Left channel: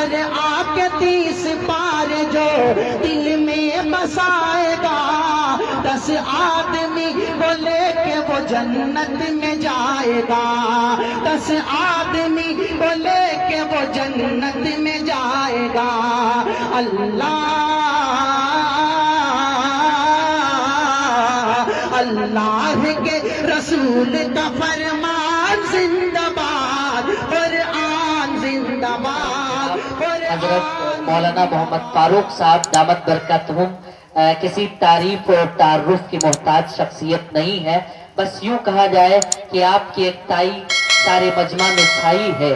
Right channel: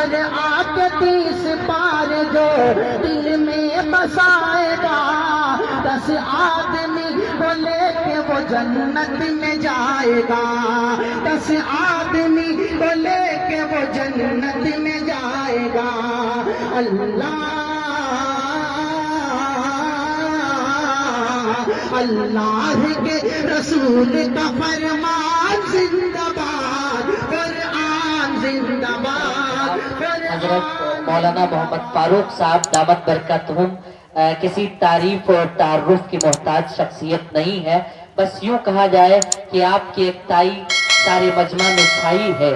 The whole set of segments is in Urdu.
اور آ کے 30 پار جو دل میں بسائے گا، 10 آدمی کو لے کے وہ جنت میں جائے گا، 10 آدمی کو لے کے وہ جنت میں جائے گا۔ اللہ کے رسول کا فرمان زندہ باد، قرآن زندہ باد۔ حضرت مولانا محمد فاروق صاحب دامت برکاتہم کسی تعریف اور تعارف کی محتاج شخصیت نہیں ہے، بس یوں کہا جائے کہ آپ کی اکتائی سارے مجمع میں چھائی ہے،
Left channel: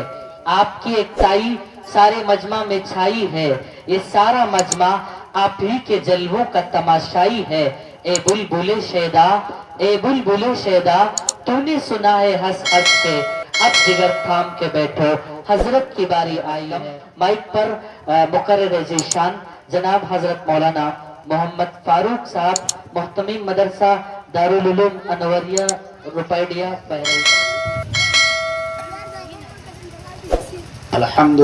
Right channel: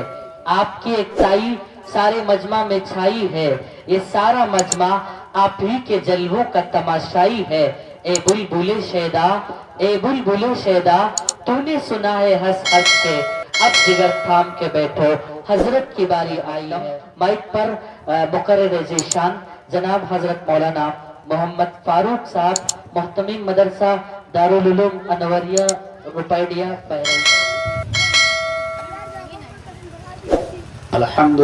آپ کی اکتائی سارے مجمع میں چھائی ہے، یہ سارا مجمع آپ ہی کے جلووں کا تماشائی ہے۔ اے بلبل شیدا، اے بلبل شیدا، تو نے سنا ہے ہنس ہنس کے، اب جگر تھام کے بیٹھو، حضرت کی باری آئی ہے۔ مائک پر مقرر ذیشان جناب حضرت مولانا محمد فاروق صاحب، محتمین مدرسہ دارالعلوم انوریہ روپیڈیا بہرحیث۔ الحمد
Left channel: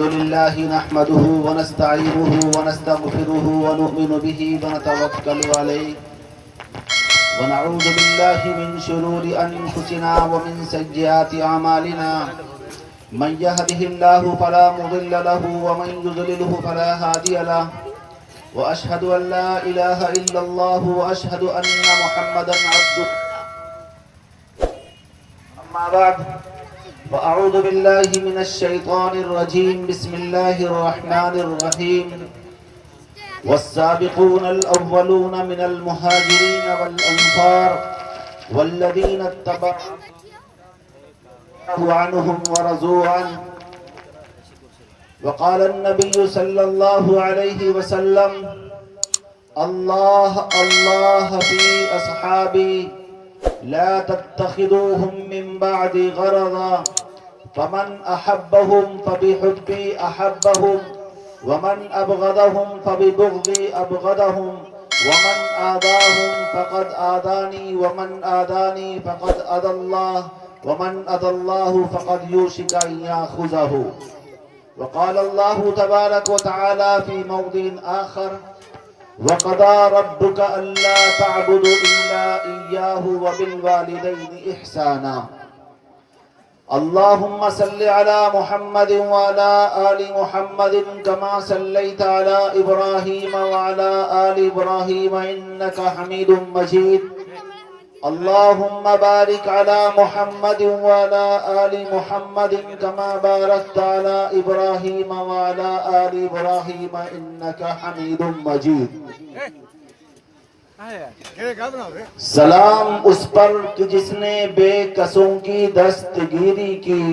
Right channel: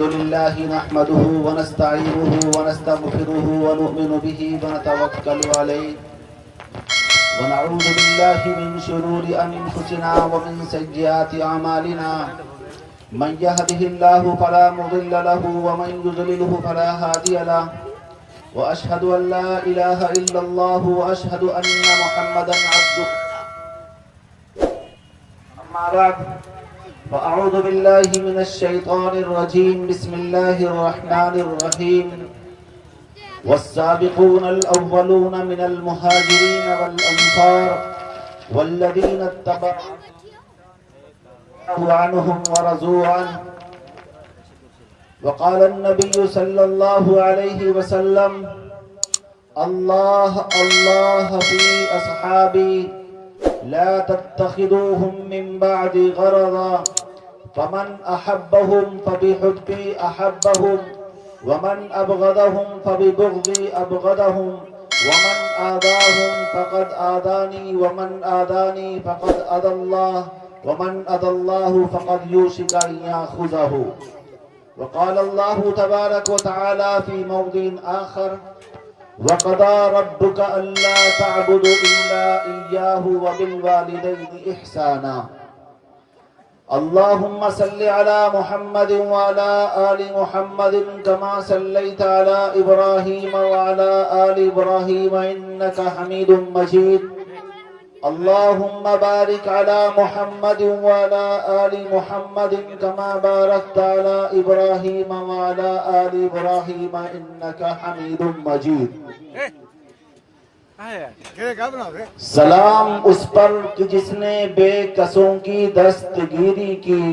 لله نحمده ونستعينه ونستغفره ونؤمن به ونتوكل عليه ونعوذ بالله من شرور أنفسنا ومن سيئات أعمالنا، من يهده الله فلا مضل له ومن يضلله فلا هادي له، وأشهد أن لا إله إلا الله وأشهد أن محمدا عبده، أما بعد وأعوذ بالله من الشيطان الرجيم، بسم الله الرحمن الرحيم، والسابقون الأولون من المهاجرين والأنصار والذين اتبعوا عنهم ورضوا عنه، وقال النبي صلى الله عليه وسلم: الله الله في أصحابي لا تتخذوهم من بعد غرضا، فمن أحبهم فبحبي أحبهم، ومن أبغضهم فببغضي أبغضهم، ومن آذاهم فقد آذاني، ومن آذاني فقد آذى الله، ومن آذى الله فقد يوشك أن يأخذه۔ وقال الله تبارك وتعالى في موضع آخر: وقضى ربك ألا تعبدوا إلا إياه وبالوالدين إحسانا۔ اللهم صل على محمد وعلى آل محمد كما صليت على إبراهيم وعلى آل إبراهيم إنك حميد مجيد۔ اللهم بارك على محمد وعلى آل محمد كما باركت على إبراهيم وعلى آل إبراهيم إنك حميد مجيد۔ سلام اس پر کہ جس نے بے کسوں کی دستگیری کی،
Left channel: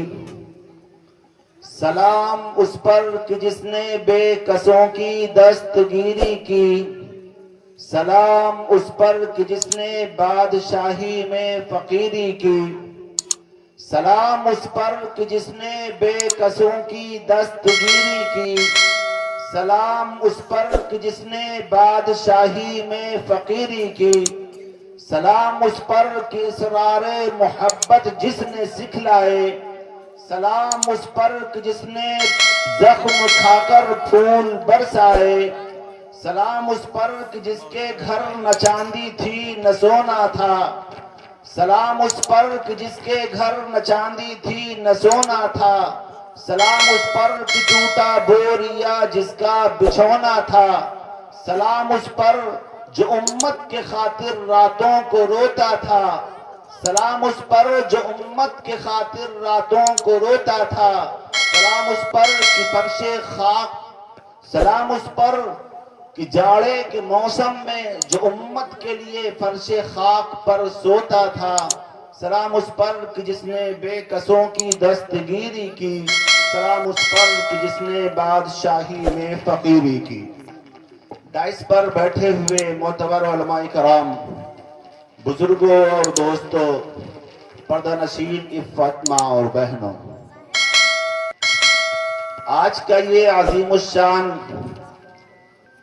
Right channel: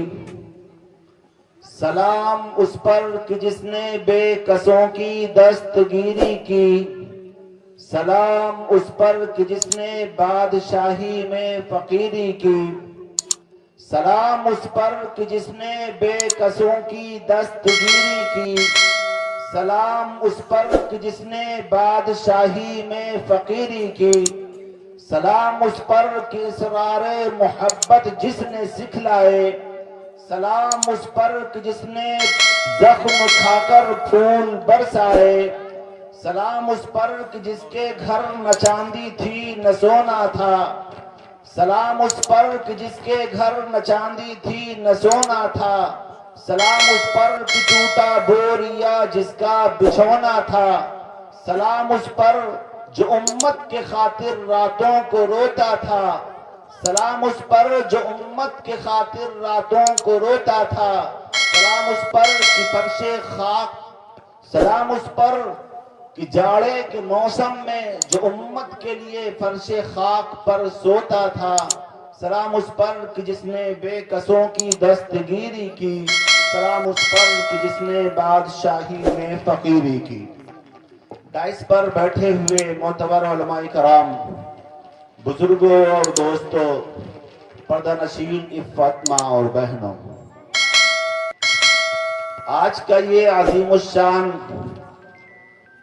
سلام اس پر کہ جس نے بے کسوں کی دستگیری کی، سلام اس پر کہ جس نے بادشاہی میں فقیری کی، سلام اس پر کہ جس نے بے کسوں کی دستگیری کی، سلام اس پر کہ جس نے بادشاہی میں فقیری کی، سلام اس پر کہ اسرار محبت جس نے سکھلائے، سلام اس پر کہ جس نے زخم کھا کر پھول برسائے، سلام اس پر کہ جس کے گھر نہ چاندی تھی نہ سونا تھا، سلام اس پر کہ جس کے گھر نہ چاندی تھی نہ سونا تھا، سلام اس پر کہ ٹوٹا بوریا جس کا بچھونا تھا، سلام اس پر جو امت کے خاطر راتوں کو روتا تھا، سلام اس پر جو امت کے خاطر راتوں کو روتا تھا، سلام اس پر کہ فرش خاک، سلام اس پر کہ جاڑے کے موسم میں جو امت کے لیے فرش خاک پر سوتا تھا، سلام اس پر کہ جس نے بے کسوں کی دستگیری کی، سلام اس پر کہ جس نے بادشاہی میں فقیری کی۔ دائس پر بیٹھے ہوئے معتبر علماء کرام، بزرگوں اور دوستوں، پردہ نشین عفت ماں اور بہنوں، آج کا یہ عظیم الشان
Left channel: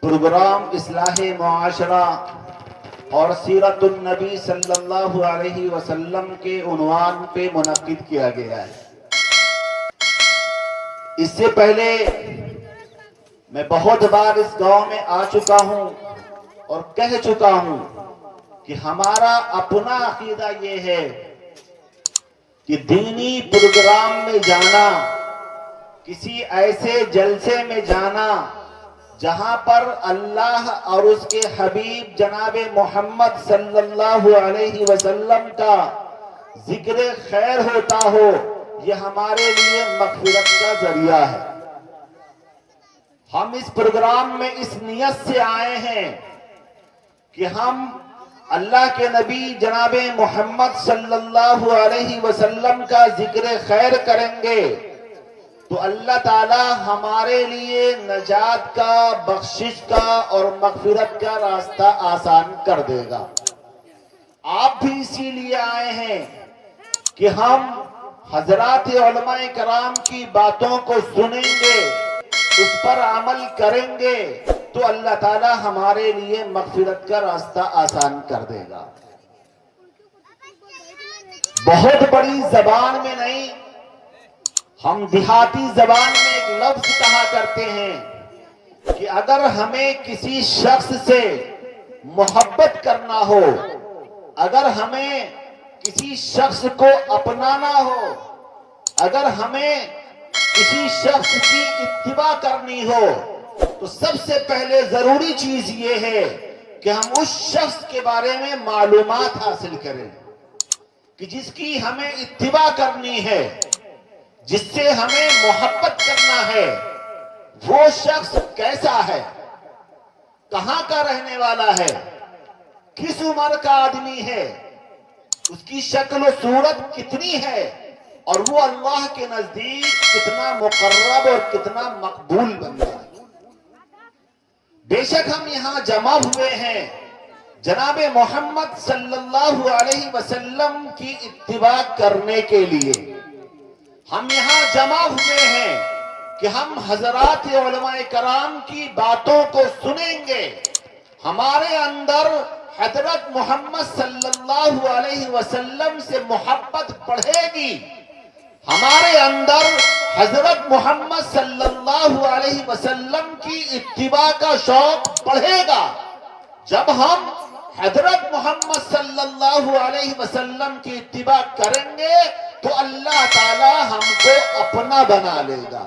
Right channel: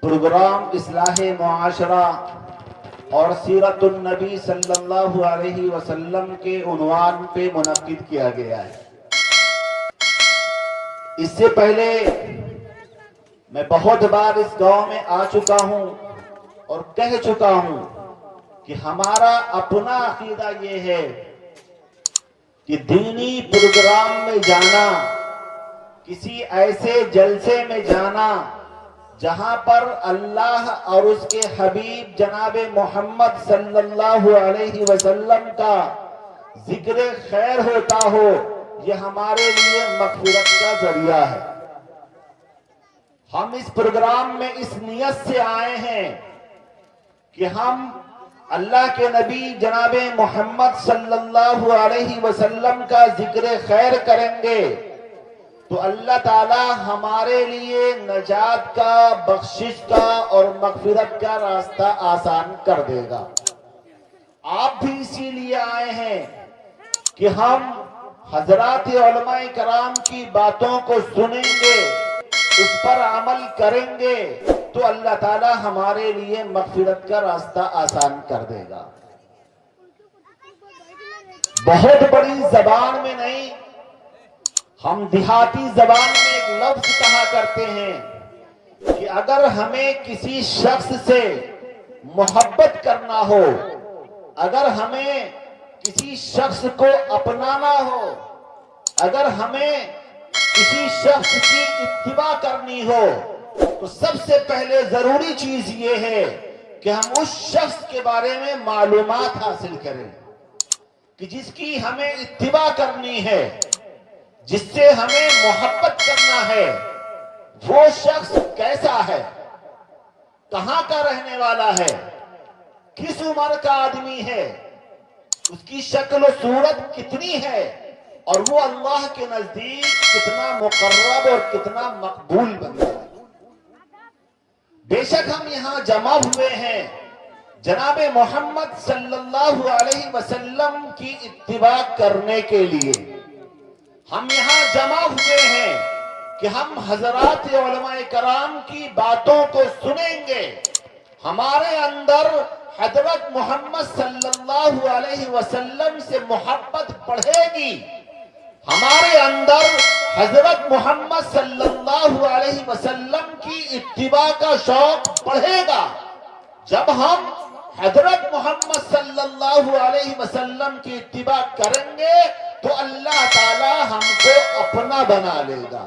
پروگرام اصلاح معاشرہ اور سیرت النبی صلی اللہ علیہ وسلم کے عنوان پہ منعقد کیا گیا ہے۔ اس سے پہلے میں بہت بار اس گاؤں میں آ چکا ہوں اور کہہ چکا ہوں کہ ہمارا اپنا عقیدہ یہ ہے کہ دینی پروگرام میں جانا، کسی ایسے جلسے میں جانا جہاں پر اللہ اور اس کے حبیب جناب محمد صلی اللہ علیہ وسلم کا ذکر خیر ہوتا ہو، یہ ہمارے لیے مغفرت کا ذریعہ ہے۔ ہم اس پروگرام میں اس نیت سے آئے ہیں کہ ہم اللہ کے نبی جناب محمد صلی اللہ علیہ وسلم کا ذکر خیر کریں گے تو اللہ تعالی ہمارے لیے نجات کا، بخشش کا اور مغفرت کا راستہ آسان کر دے گا۔ آپ بھی اسی لیے آئے ہیں کہ ہم حضرات علماء کرام کی باتوں کو سنیں گے، اس پر عمل کریں گے تو اللہ تعالی ہمارے لیے مغفرت کا راستہ آسان کر دے گا۔ بہت بڑی زبان میں نہیں، ہم دیہاتی زبان میں ایک لفظ کہا کرتے ہیں کہ اگر ہمیں کسی شخص سے محبت کرنا ہو، اگر ہمیں کسی شخص کو اپنانا ہو، اگر ہمیں کسی شخص کی اتباع کرنی ہو تو سب سے پہلے ضروری چیز یہ ہے کہ ہم اس شخص کے بارے میں معلومات حاصل کریں کہ جس کی ہمیں اتباع کرنی ہے، جس سے ہمیں محبت کرنا ہے، وہ شخص کیسا ہے، کہاں کا رہنے والا ہے، کس عمر کا آدمی ہے، اس کی شکل و صورت کتنی ہے اور وہ اللہ کے نزدیک کتنا مقرب اور کتنا مقبول بنتا ہے۔ بے شک ہم یہاں جمع ہوئے ہیں جناب محمد صلی اللہ علیہ وسلم کی اتباع کرنے کے لیے، ہم یہاں جمع ہوئے ہیں کہ ہم حضرات علماء کرام کی باتوں کو سنیں گے، ہمارے اندر حضرت محمد صلی اللہ علیہ وسلم سے محبت بڑھے گی، ہمارے اندر حضرت محمد صلی اللہ علیہ وسلم کی اتباع کا شوق بڑھے گا۔ جب ہم حضرت محمد صلی اللہ علیہ وسلم کی اتباع کریں گے تو اللہ تعالی ہم کو اپنا بنا لے گا۔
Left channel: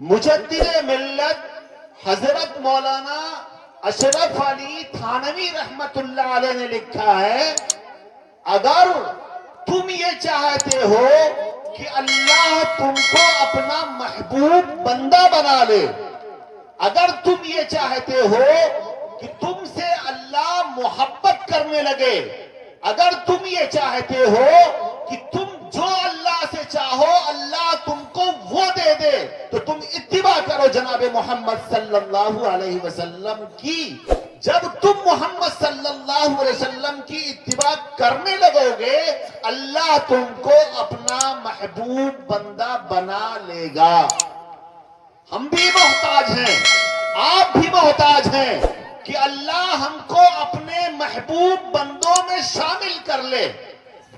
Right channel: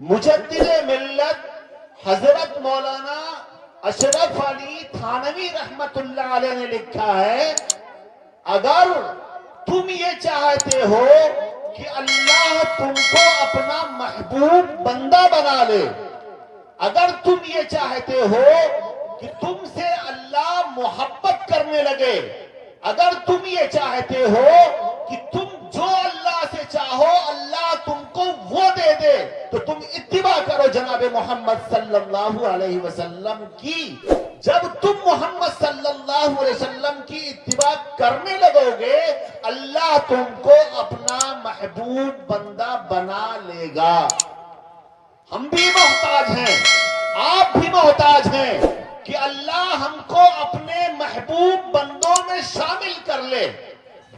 مجدد ملت حضرت مولانا اشرف علی تھانوی رحمت اللہ علیہ نے لکھا ہے، اگر تم یہ چاہتے ہو کہ اللہ تم کو اپنا محبوب بندہ بنا لے، اگر تم یہ چاہتے ہو کہ تم سے اللہ محبت کرنے لگے، اگر تم یہ چاہتے ہو کہ تم جو اللہ سے چاہو اللہ تم کو وہ دے دے، تو تم اتباع کرو جناب محمد صلی اللہ علیہ وسلم کی۔ جب تم محمد صلی اللہ علیہ وسلم کی اتباع کرنے لگو گے اللہ تم کو اپنا محبوب بندہ بنا لے گا۔ ہم بھی محتاج ہیں، آپ بھی محتاج ہیں کہ اللہ ہم کو اپنے محبوب بندوں میں شامل کر لے۔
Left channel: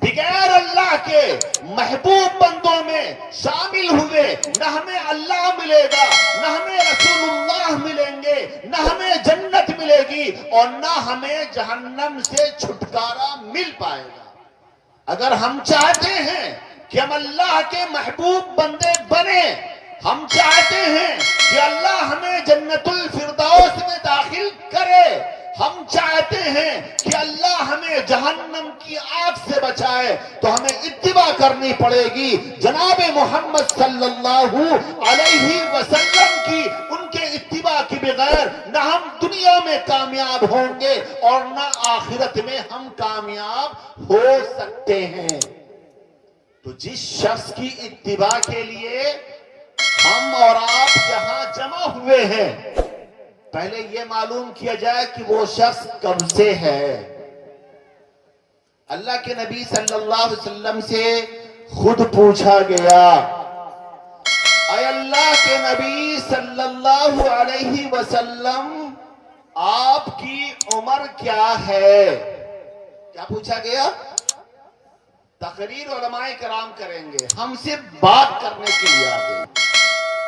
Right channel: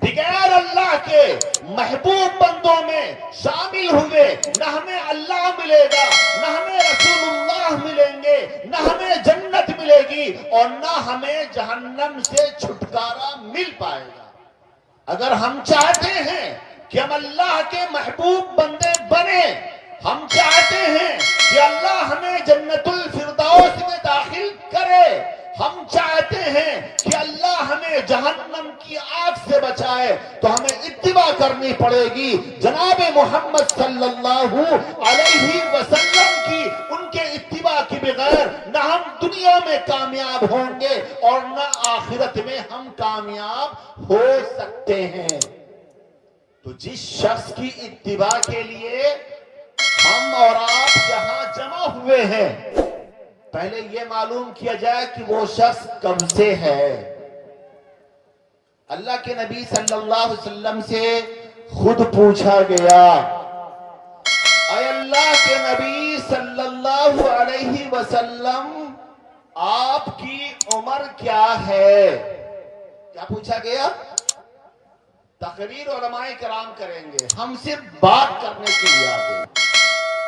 بغیر اللہ کے محبوب بندوں میں شامل ہوئے نہ ہمیں اللہ ملے گا، نہ ہمیں رسول اللہ ملیں گے، نہ ہمیں جنت ملے گی اور نہ ہمیں جہنم سے چھٹکارا مل پائے گا۔ اگر ہم چاہتے ہیں کہ ہم اللہ کے محبوب بندے بنے، ہم چاہتے ہیں کہ اللہ ہمیں جنت الفردوس میں داخل کرے، ہم چاہتے ہیں کہ اللہ ہمیں جہنم کی آگ سے بچائے، تو ہمیں اتباع کرنی پڑے گی جناب محمد صلی اللہ علیہ وسلم کی۔ ان کے اتباع کے بغیر نہ ہم دنیا میں کامیاب ہوں گے اور نہ آخرت میں ہم کامیاب ہو سکتے ہیں۔ تو جس شخص کی اتباع کے لیے ہم اور آپ یہاں جمع ہوئے ہیں، پہلے یہ معلوم کیا جائے کہ وہ شخص کب سے ہے۔ اللہ کے نبی صلی اللہ علیہ وسلم سے خود پوچھا گیا، اے اللہ کے نبی صلی اللہ علیہ وسلم آپ کی عمر کیا ہے؟ کیا پوچھا گیا؟ تقریر علماء کرام کریں گے، ہم صرف بات کرنے کے لیے آتے ہیں۔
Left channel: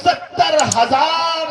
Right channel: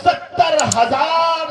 70,000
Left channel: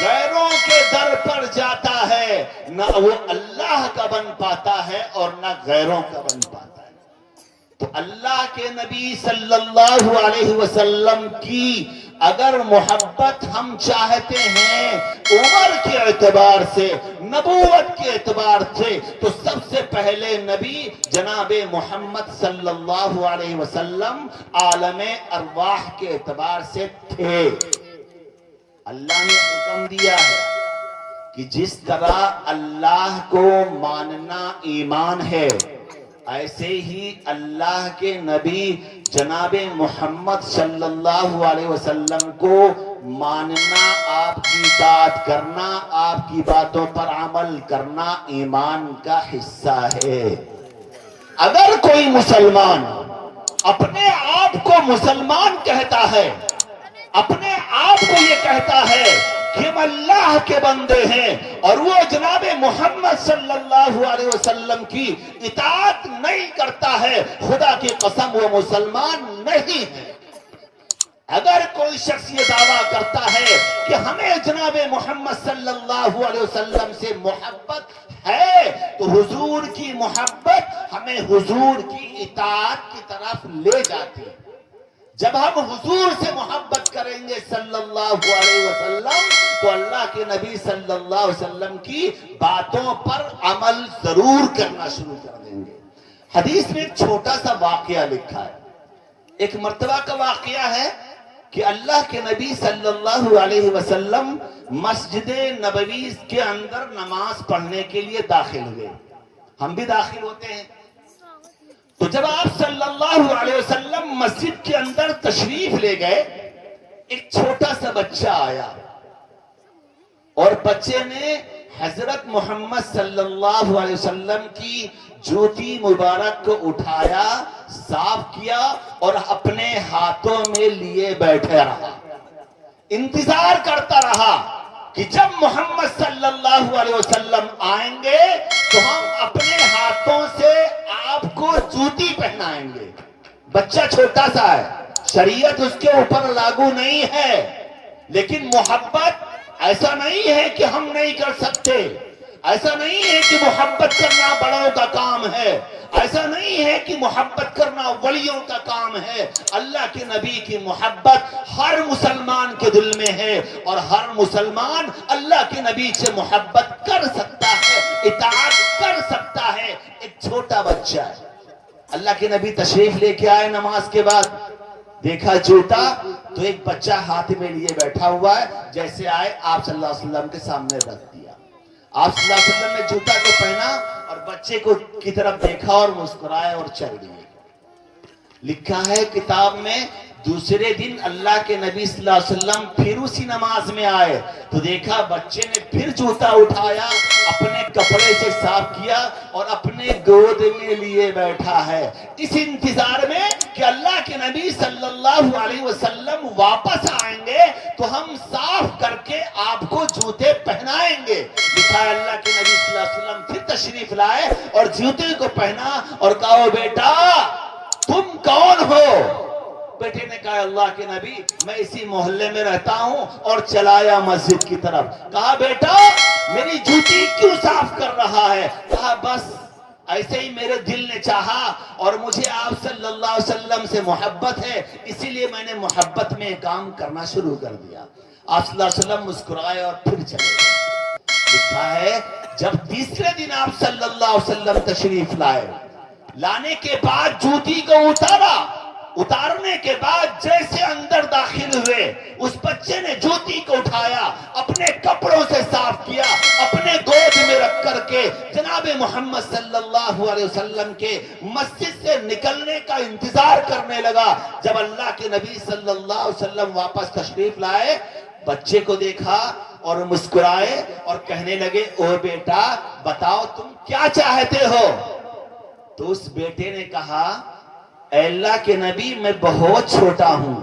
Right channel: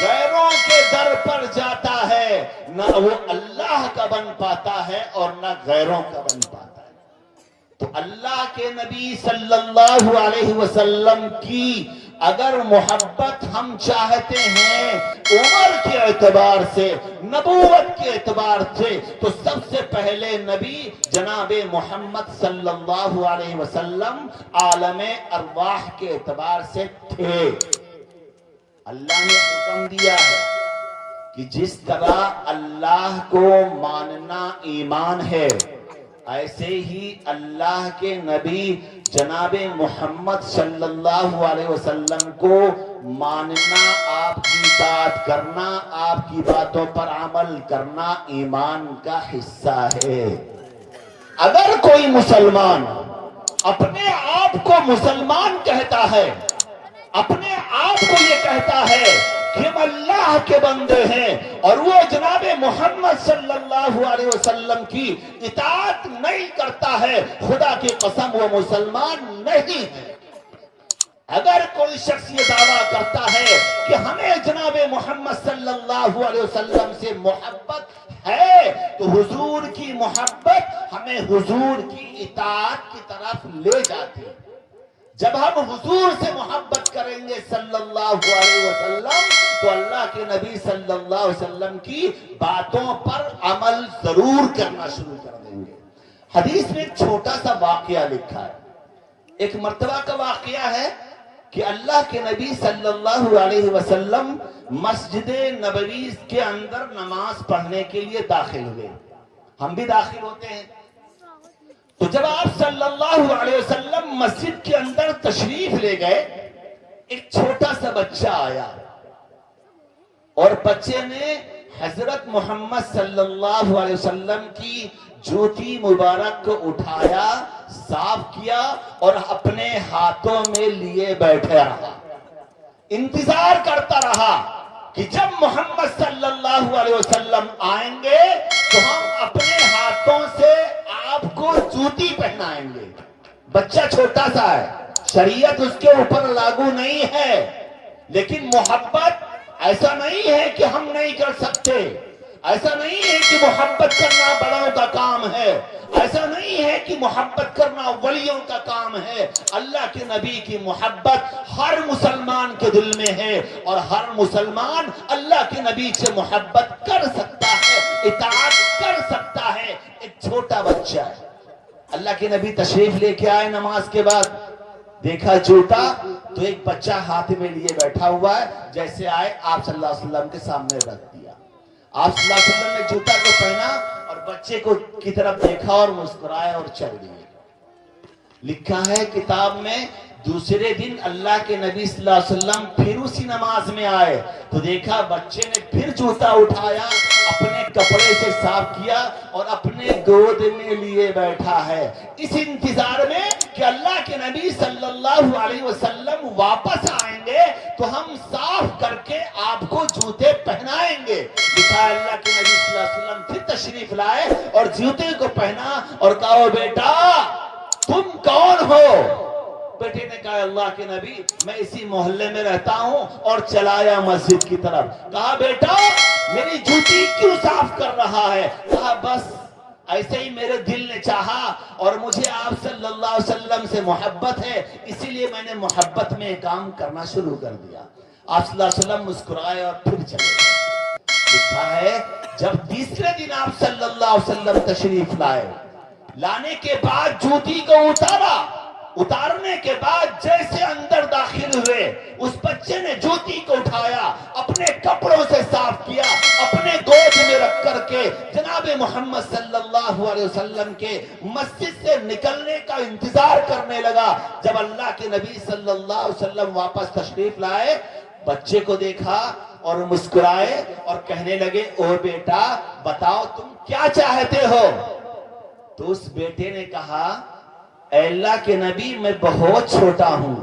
غیروں کے در پر جاتا ہے نہ وہ اللہ کا بن پاتا ہے اور نہ غیروں کا بن پاتا ہے۔ تو اللہ کے نبی صلی اللہ علیہ وسلم کی اگر محبت ہم چاہتے ہیں عمر کے اعتبار سے، نبوت کے اعتبار سے، تو سب سے پہلے نبی جناب محمد صلی اللہ علیہ وسلم عالم ارواح کے اعتبار سے تھے۔ اللہ نے حکم دیا ہے کہ جس طرح اللہ کو ماننا ایمان ہے، ایسے ہی اللہ کے نبی جناب محمد صلی اللہ علیہ وسلم کو ماننا، آپ کی بات کرنا، آپ کی باتوں پر عمل کرنا ایمان کا حصہ ہے۔ اگر کوئی مسلمان اپنے آپ کو مسلمان کہتا ہے، اپنے آپ کو یہ کہتا ہے کہ ہم اللہ کے بندے ہیں، اور وہ جناب محمد صلی اللہ علیہ وسلم کی اطاعت نہیں کرتا ہے، خدا کی قسم وہ مسلمان نہیں ہے۔ اگر کوئی شخص یہ دعویٰ کرتا ہے کہ ہمیں جناب محمد صلی اللہ علیہ وسلم سے محبت ہے، تو حضور کی محبت ہمیں حضور کی اطاعت کی طرف لے جاتی ہے۔ جب ہم حضور سے محبت کریں گے صلی اللہ علیہ وسلم، تو اللہ کے نبی صلی اللہ علیہ وسلم کی باتوں پر عمل ضرور کرنا شروع کر دیں گے۔ حدیث میں ایک چھوٹا سا واقعہ لکھا ہے۔ ایک مرتبہ کا واقعہ ہے کہ اللہ کے نبی صلی اللہ علیہ وسلم مسجد نبوی کے اندر نماز پڑھنے کے لیے داخل ہوئے۔ ہم بھی داخل ہوتے ہیں۔ تو جب آپ صلی اللہ علیہ وسلم مسجد کے اندر تشریف لے گئے، ایک چھوٹا سا بچہ آیا اور بچے نے حضرت محمد صلی اللہ علیہ وسلم کی جوتی مبارک کو اٹھایا، صاف کیا اور اپنے ہاتھوں میں لیے بیٹھے رہا، انتظار کرتا رہا کہ جب محمد صلی اللہ علیہ وسلم آئیں گے تو ہم اپنے ہاتھوں سے آپ کو جوتی پہنائیں گے۔ بچہ چھوٹا سا ہے، شریعت اس کے اوپر لاگو نہیں ہے، لیکن محبت ایسا نہیں ہے کہ ہم نہیں کر سکتے، ایسا نہیں ہے کہ محبت کرنا بڑوں کا کام ہے، ایسا نہیں ہے کہ محبت کرنا ولیوں کا کام ہے۔ اللہ کے نبی کی محبت ہر مسلمان کے دل میں ہے، اور ہر مسلمان اللہ کے نبی سے محبت کر سکتا ہے، اطاعت کر سکتا ہے۔ ایک چھوٹا بچہ ہے، اللہ کے نبی تشریف لے کے آئے نماز کے بعد، دیکھا جوتا تو ایک بچہ ہاتھ میں لیے بیٹھا ہوا ہے، جیسے آئے آپ صلی اللہ علیہ وسلم کے سامنے رکھ دیا۔ آپ صلی اللہ علیہ وسلم نے جوتا کو پہنا اور بچے کو کی طرف دیکھا اور مسکرائے اور چل دیے۔ لکھا ہے کتاب میں، دوسرے دن اللہ کے نبی صلی اللہ علیہ وسلم پھر اسی نماز میں آئے تو دیکھا بچے نے پھر جوتا اٹھایا، اپنے کپڑے سے صاف کیا اور اپنے گود میں لیے بیٹھا ہے، اس انتظار میں کہ اللہ کے نبی صلی اللہ علیہ وسلم واپس آئیں گے تو ہم صاف کر کے آپ کو جوتے پہنائیں گے۔ لکھا ہے اللہ کے نبی صلی اللہ علیہ وسلم پھر تشریف لائے اور جوتے کو پہنا اور کہا بیٹا تم کون ہو؟ بیٹے نے کہا اللہ کے نبی میں اسی محلے میں رہتا ہوں، اور چلایا مسجد کی طرف۔ کہا بیٹا میری جوتی کیوں صاف کر رہا ہے؟ کہا بس ایسے ہی میرے دل نے چاہا اور مجھے آپ صلی اللہ علیہ وسلم سے محبت ہے، اسی لیے میں نے محبت میں کام کرنا شروع کر دیا۔ آپ صلی اللہ علیہ وسلم مسکرائے اور پھر چلے گئے۔ لکھا ہے جب تیسرے دن آپ صلی اللہ علیہ وسلم تشریف لائے، لانے کے بعد جوتی کو اتارنے کے بعد جیسے اندر داخل ہوئے، اس بچے نے جوتی کو اٹھایا، اپنے کپڑوں سے صاف کیا، اپنے گود میں رکھ کر کے جناب محمد صلی اللہ علیہ وسلم کے مسجد سے نکلنے کا انتظار کرنے لگا۔ جب اللہ کے نبی صلی اللہ علیہ وسلم واپس تشریف لائے، بچے کو دیکھا اور مسکرائے اور کہنے لگے او بیٹا بتاؤ تم کیا چاہتے ہو؟ تو اس بیٹے نے کہا اے اللہ کے نبی میں بہت چھوٹا ہوں،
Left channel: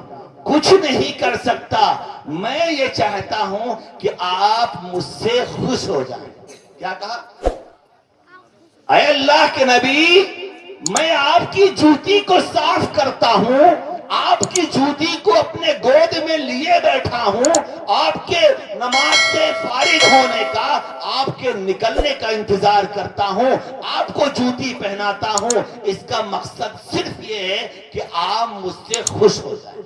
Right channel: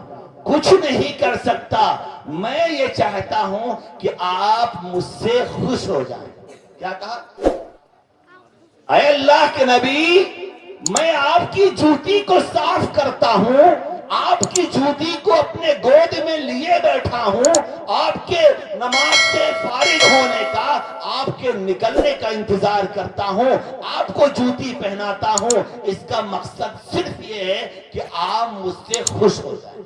کچھ نہیں کر سکتا، میں یہ چاہتا ہوں کہ آپ مجھ سے خوش ہو جائیں۔ کیا کہا؟ اے اللہ کے نبی میں آپ کی جوتی کو صاف کرتا ہوں، آپ کی جوتی کو اپنے گود میں لیے بیٹھا ہوں، آپ کے نماز سے فارغ ہونے کا، آپ کے نکلنے کا انتظار کرتا ہوں، آپ کو جوتی پہناتا ہوں، اس کا مقصد صرف یہ ہے کہ آپ مجھ سے خوش ہو جائیں۔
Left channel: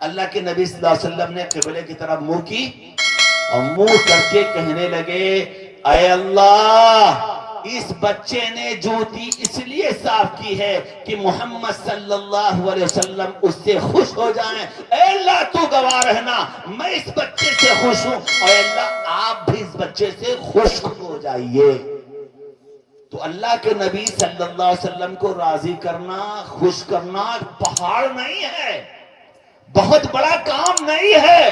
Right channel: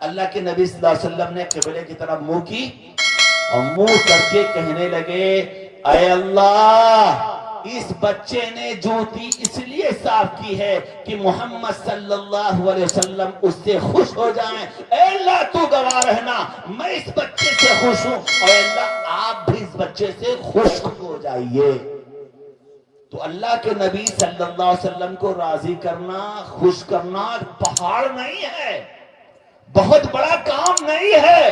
اللہ کے نبی صلی اللہ علیہ وسلم نے قبلے کی طرف منہ کی اور منہ کر کے کہنے لگے، اے اللہ، اس بچے نے جوتی اس لیے صاف کی ہے کہ محمد صلی اللہ علیہ وسلم اس سے خوش ہو جائیں۔ اے اللہ تو گواہ رہنا، میں اس بچے سے خوش ہوں، اور اے اللہ آپ بھی اس بچے سے خوش ہو جائیے۔ تو اللہ کے نبی صلی اللہ علیہ وسلم کو راضی کرنا، خوش کرنا پہاڑ نہیں ہے، بہت بڑا کام نہیں ہے۔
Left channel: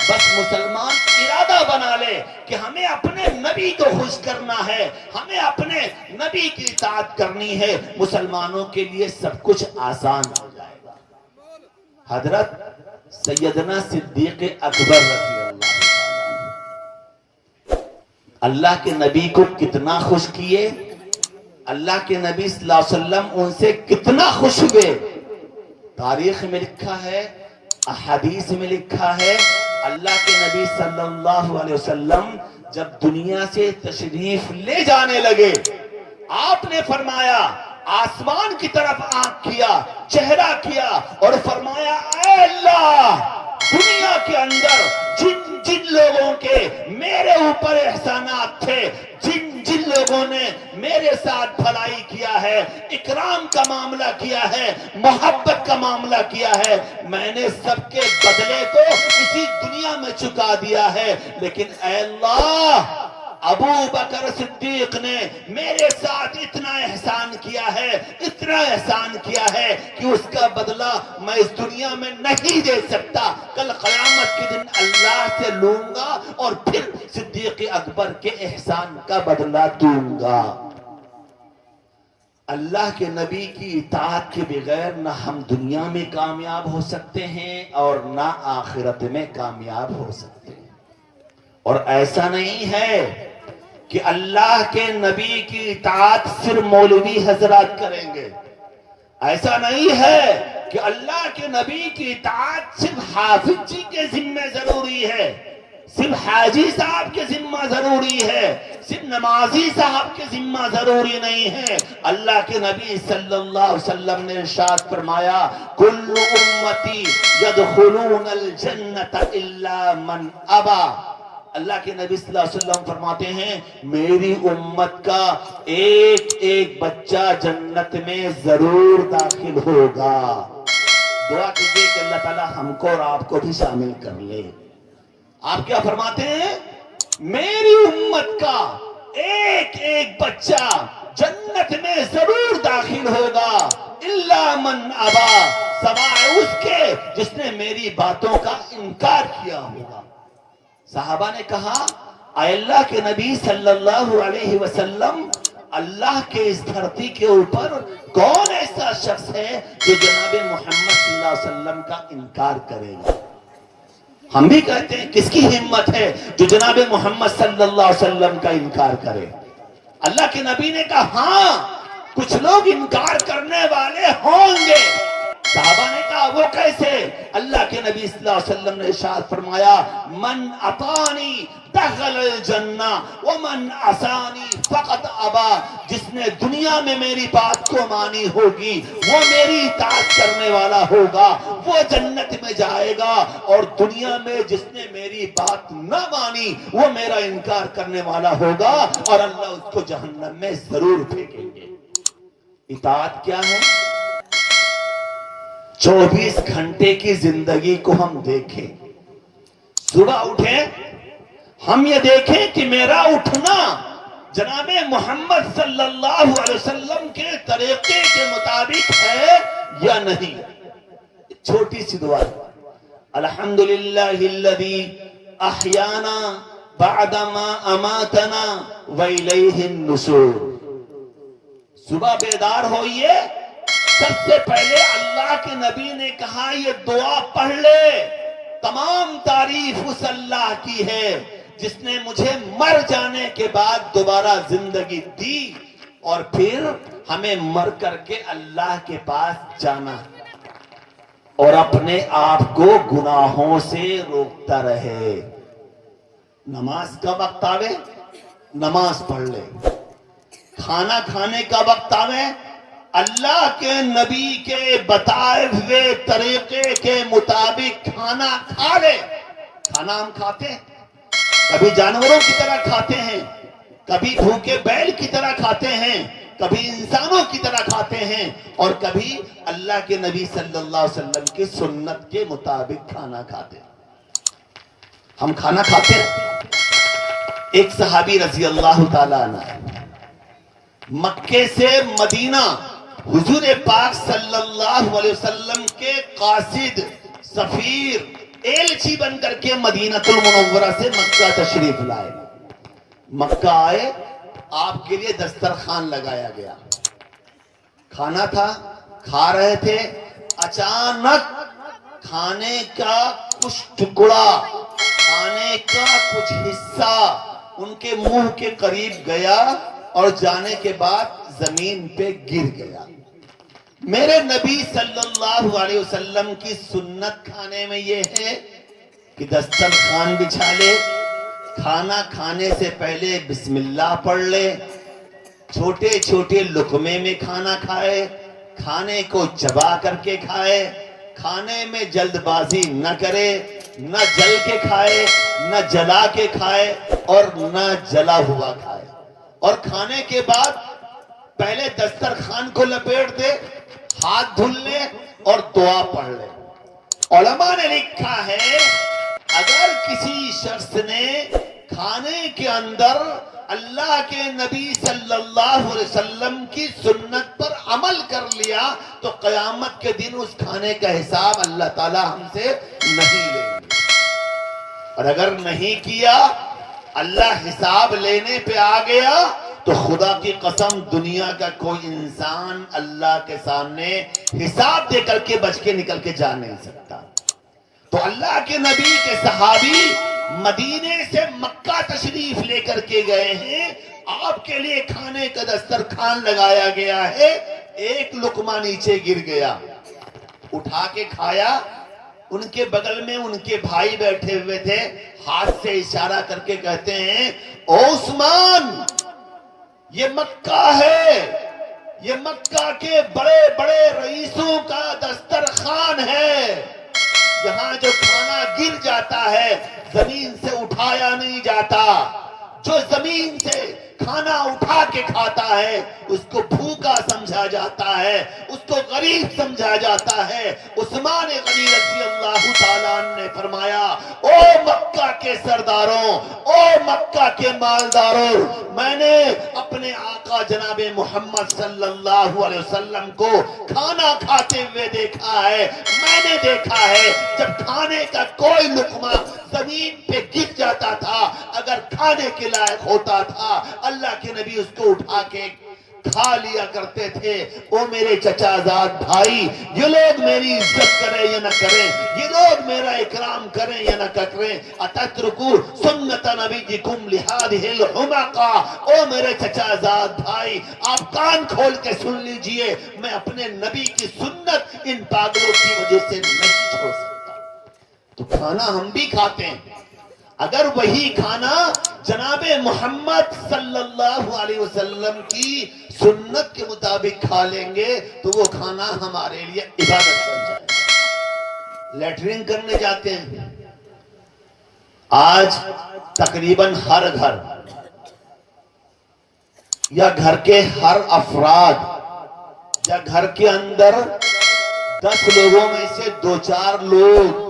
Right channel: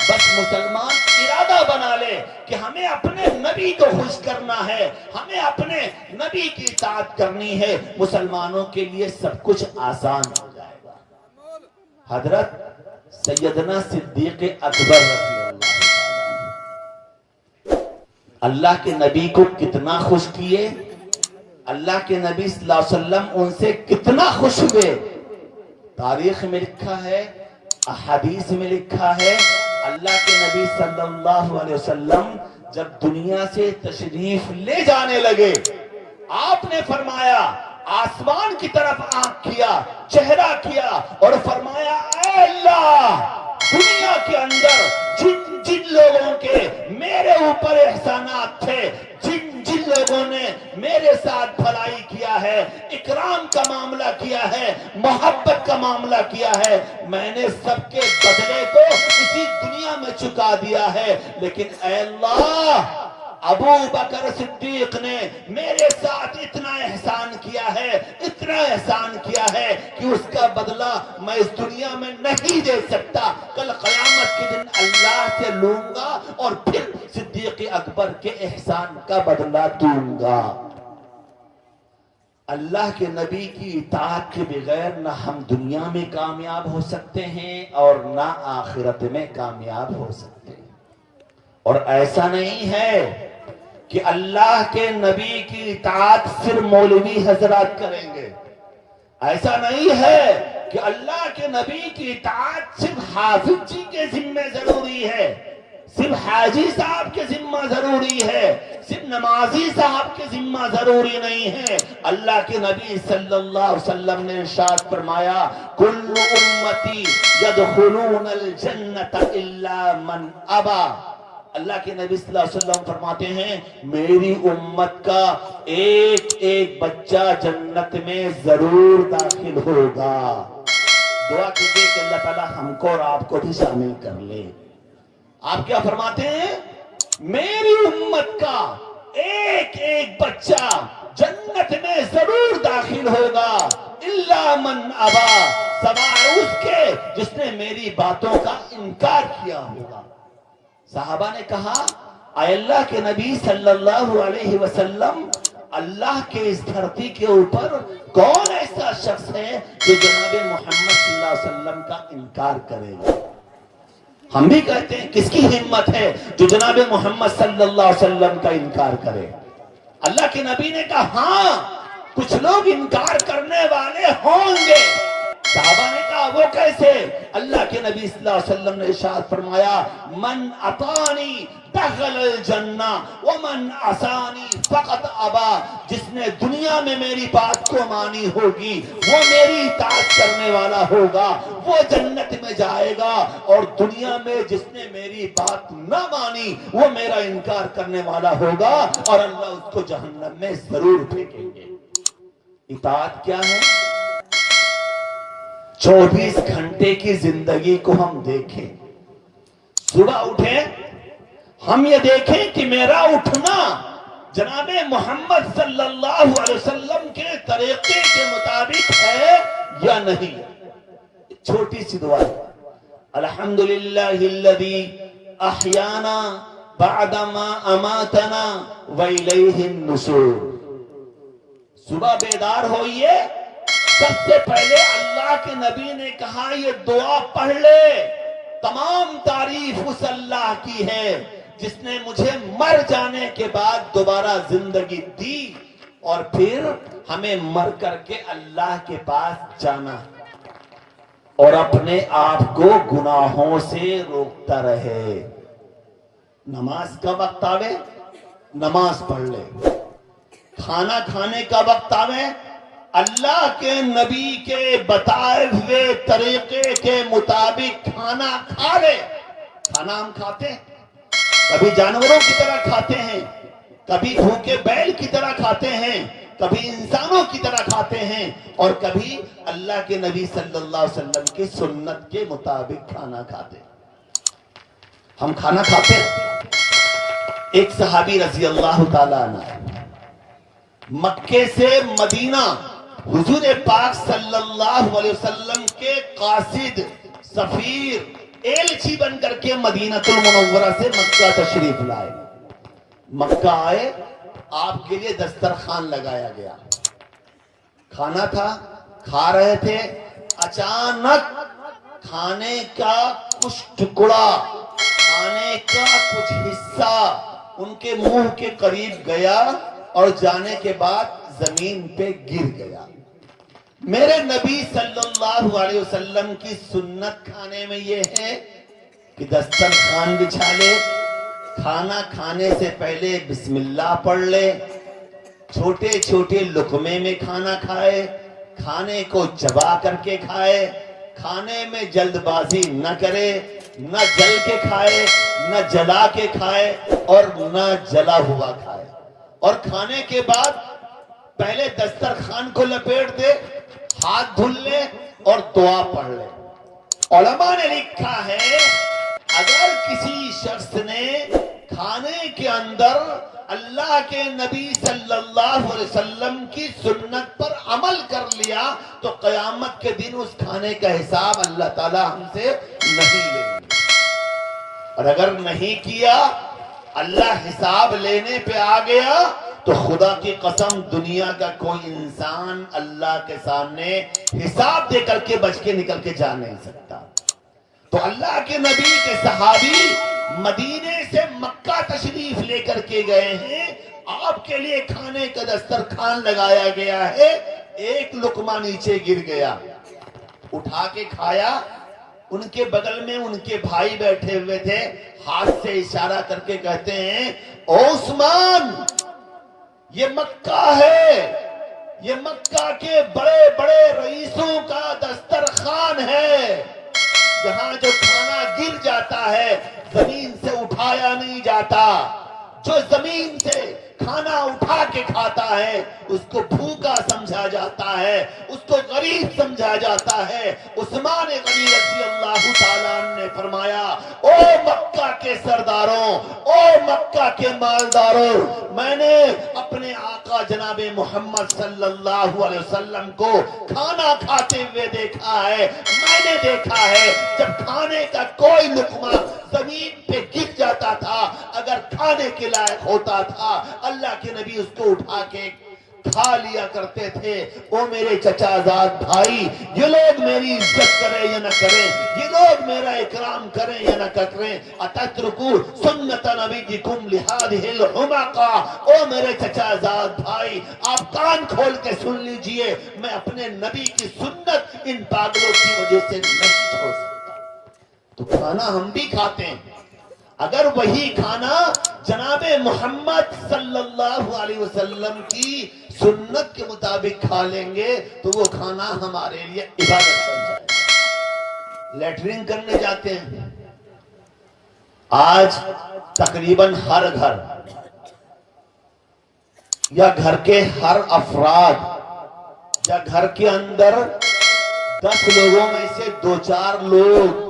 بس مسلمان ارادہ بنا لے کہ ہمیں اپنے نبی کو خوش کرنا ہے، ہمیں اپنے نبی کی اطاعت کرنی ہے، مسلمانوں کے لیے سب کچھ آسان ہو جائے گا۔ حضرت سیدنا صدیق اکبر رضی اللہ عنہ اللہ کے نبی کو کتنا خوش کیے، اللہ کے نبی صلی اللہ علیہ وسلم ان سے کتنا خوش ہوئے۔ تاریخ میں لکھا ہے، احادیث میں لکھا ہے، اللہ کے نبی صلی اللہ علیہ وسلم جب دنیا سے تشریف لے جانے لگے، آپ نے فرمایا، آسمان کی طرف آنکھ کیا، چہرہ کیا اور فرمایا، اے اللہ، دنیا کے اندر جن جن لوگوں کے میرے اوپر احسانات تھے، جن جن لوگوں نے میرے ساتھ بھلائی کیا ہے، اکرام کا معاملہ کیا ہے، محبت کا معاملہ کیا ہے، میں نے سب کے بدلے کو اسی دنیا میں چکا دیا ہے، لیکن اے اللہ، ابو بکر صدیق نے میرے ساتھ اتنا احسان کیا ہے، اتنا احسان کیا ہے کہ اس کا بدلہ میں اس دنیا میں نہیں دے سکتا، کل قیامت کے دن اللہ سے لوں گا اور پھر صدیق اکبر کے احسان کا بدلہ دوں گا۔ اللہ کے نبی کی اطاعت کے بغیر نہ ہم دنیا میں کامیاب ہو سکتے ہیں اور نہ آخرت میں کامیاب ہو سکتے ہیں۔ اور ایسا نہیں ہے کہ اللہ کے نبی کی اطاعت صرف مولوی حضرات کریں گے، ایسا نہیں ہے کہ اللہ کے نبی کی اطاعت صرف حافظ جی کے ذمہ ضروری ہے، صرف حاجی صاحب کے ذمہ ضروری ہے، صرف نمازی صاحب کے ذمہ ضروری نہیں ہے۔ اللہ کے نبی صلی اللہ علیہ وسلم نے ارشاد فرمایا، کل امتی یدخلون الجنت الا من ابا۔ اللہ کے نبی صلی اللہ علیہ وسلم فرماتے ہیں، میری امت کا ایک ایک بچہ جنت میں ضرور داخل ہوگا۔ دعا کیجئے کہ اللہ تعالیٰ ہم کو اور آپ کو بھی شامل کر لے۔ آپ کیا فرماتے ہیں؟ میری امت کا ایک ایک بچہ جنت میں ضرور داخل ہوگا، الا من ابا، سوائے اس کے جس نے میری باتوں کا انکار کیا ہوگا۔ صحابہ نے کہا، اے اللہ کے نبی صلی اللہ علیہ وسلم، اللہ کے اس دھرتی کے اوپر کون ایسا شخص ہے جو جناب محمد صلی اللہ علیہ وسلم کا انکار کرے گا؟ ہم بھی کہتے ہیں، کس کی ہمت ہے جو جناب محمد صلی اللہ علیہ وسلم کا انکار کرے؟ اللہ کے نبی نے کہا، ہاں کچھ لوگ انکار کرنے والے ہوں گے۔ صحابہ نے کہا، وہ کیسے؟ اللہ کے نبی صلی اللہ علیہ وسلم نے ارشاد فرمایا، من اطانی دخل الجنہ ومن عصانی فقط ابا۔ جس نے دنیا میں میری بات کو مانی ہوگی، وہ میری اطاعت کرنے والا ہوگا، وہ جنت میں جائے گا، اور دنیا میں جس نے میری بات نہ مانی وہ میرا انکار کرنے والا ہوگا، اور اللہ اس کو جہنم میں ضرور پھینکیں گے۔ اطاعت کیا ہے؟ 24 گھنٹے کی زندگی کو ہم دیکھیں، صبح اٹھیں، ہم یہ دیکھیں کہ میرا اٹھنا جناب محمد صلی اللہ علیہ وسلم کے طریقے کے مطابق ہے یا نہیں۔ چھوٹی سی دعا، الحمدللہ الذی احیانا بعدما اماتنا والیہ النشور۔ صبح بیدار ہوئیے، سب سے پہلے اللہ کے نبی نے کہا یہ دعا پڑھ لے، تمام تعریف اس اللہ کی ہے جس نے مجھے مر جانے کے بعد دوبارہ زندگی دی، اور پھر ہمیں مر کر کے اللہ کے پاس جانا، اور اپنے آپ کو گناہوں سے روکتا رہے۔ نماز کا وقت آوے نماز پڑھ لے، کھانا کھانے کا وقت آوے اللہ کے نبی کے بتائے ہوئے طریقے کے مطابق کھانا کھا لے۔ کھانا ہم کھاتے ہیں، کبھی جانوروں کی طرح کھاتے ہیں، کبھی بھوکے بیل کی طرح کھاتے ہیں، کبھی انسانوں کی طرح کھاتے ہیں، اور کبھی اللہ کے نبی صلی اللہ علیہ وسلم کی سنت کے مطابق کھانا کھاتے ہیں۔ ہم کھانا کھاتے ہیں۔ ایک صحابی رضی اللہ تعالیٰ عنہ مکے سے مدینہ حضور پاک صلی اللہ علیہ وسلم کے قاصد، سفیر، ایلچی بن کر کے مدینہ المنورہ سے مکہ تشریف لائے۔ مکہ آئے، آپ کے لیے دسترخوان لگایا گیا، کھانا تھا، کھا رہے تھے، اچانک کھانے کا کچھ ٹکڑا، کھانے کا کچھ حصہ ان کے منہ کے قریب گیا اور جانے کے بعد زمین پہ گر گیا۔ میرے نبی صلی اللہ علیہ وسلم کی سنت کھانے میں یہ ہے کہ دسترخوان بچھا لے، کھانا کھانے سے پہلے بسم اللہ پڑھ لے، چھوٹے چھوٹے لقمے میں کھانا کھائے، کھانے کو چبا کر کے کھائے، کھانے میں جلد بازی نہ کرے، نہ جل کے کھائے، نہ جلا کے کھائے، اور نہ جلا ہوا کھائے، اور کھانے کے بعد پہلے دسترخوان کو لپیٹ دے، ہاتھ دھل لے اور دعا پڑھ لے۔ علماء نے لکھا ہے اگر کسی شخص نے کھانے کے اندر اللہ کے نبی صلی اللہ علیہ وسلم کی سنت پر عمل کر لیا تو قیامت کے دن اس کھانے کا حساب اللہ تعالی ہم سے نہیں لیں گے، اور اگر نہیں کیا، اللہ حساب لینے پہ آ گیا تو خدا کی قسم دنیا کا کوئی انسان اللہ کے سامنے حساب دے کر کے بچ کے نکل کے جا نہیں سکتا۔ تو اللہ کے نبی کے صحابی مدینے سے مکہ تشریف لے کر کے گئے ہیں، آپ کے لیے کھانے کا دسترخوان لگایا گیا ہے، ایک لقمہ نیچے گر گیا، اٹھا کے کھایا، ان کے بغل میں ان کے بھائی بیٹھے ہوئے تھے، ہاتھ سے اشارہ کر کے کہتے ہیں او عثمان، یہ مکہ ہے، یہ مکہ کے بڑے بڑے رئیسوں کا دسترخوان ہے، یہاں جو کھانا گر جاتا ہے زمین سے اٹھایا نہیں جاتا، جو زمین سے کھانا اٹھا کے کھاتا ہے اس کو بھوکا سمجھا جاتا ہے، اس کو غریب سمجھا جاتا ہے۔ عثمان غنی رضی اللہ تعالیٰ عنہ نے فرمایا او مکہ کے سرداروں، او مکہ کے مالداروں، میں نے اپنے آقا جناب محمد صلی اللہ علیہ وسلم کو کھانا کھاتے ہوئے دیکھا ہے، میں نے دیکھا ہے جب کھانے کا کوئی لقمہ زمین پہ گر جاتا تھا، اگر کھانے کے لائق ہوتا تھا اللہ کے نبی اس کو اٹھا کے کھا لیا کرتے تھے۔ او میرے چچا زاد بھائی، یہ لوگ میری عزت کریں یا نہ کریں، یہ لوگ میرا اکرام کریں یا نہ کریں، اتترکو سنت نبیکم لہذہ الحمقہ، او میرے چچا زاد بھائی آپ کان کھول کے سن لیجئے، میں اپنے نبی کی سنت ان پاگلوں کی وجہ سے نہیں چھوڑ سکتا۔ تو کھانا ہم بھی کھاتے ہیں، اگر وہی کھانا جناب محمد صلی اللہ علیہ وسلم کی سنت کے مطابق کھا لیں گے تو وہ کھانا ہمارے لیے عبادت بن جائے گا۔ لیٹرین کرنے جاتے ہیں، آج تقریباً ہر گھر یا گھر کے ہر افراد یا گھر کے اندر 10 لوگوں میں سے 2-4 لوگ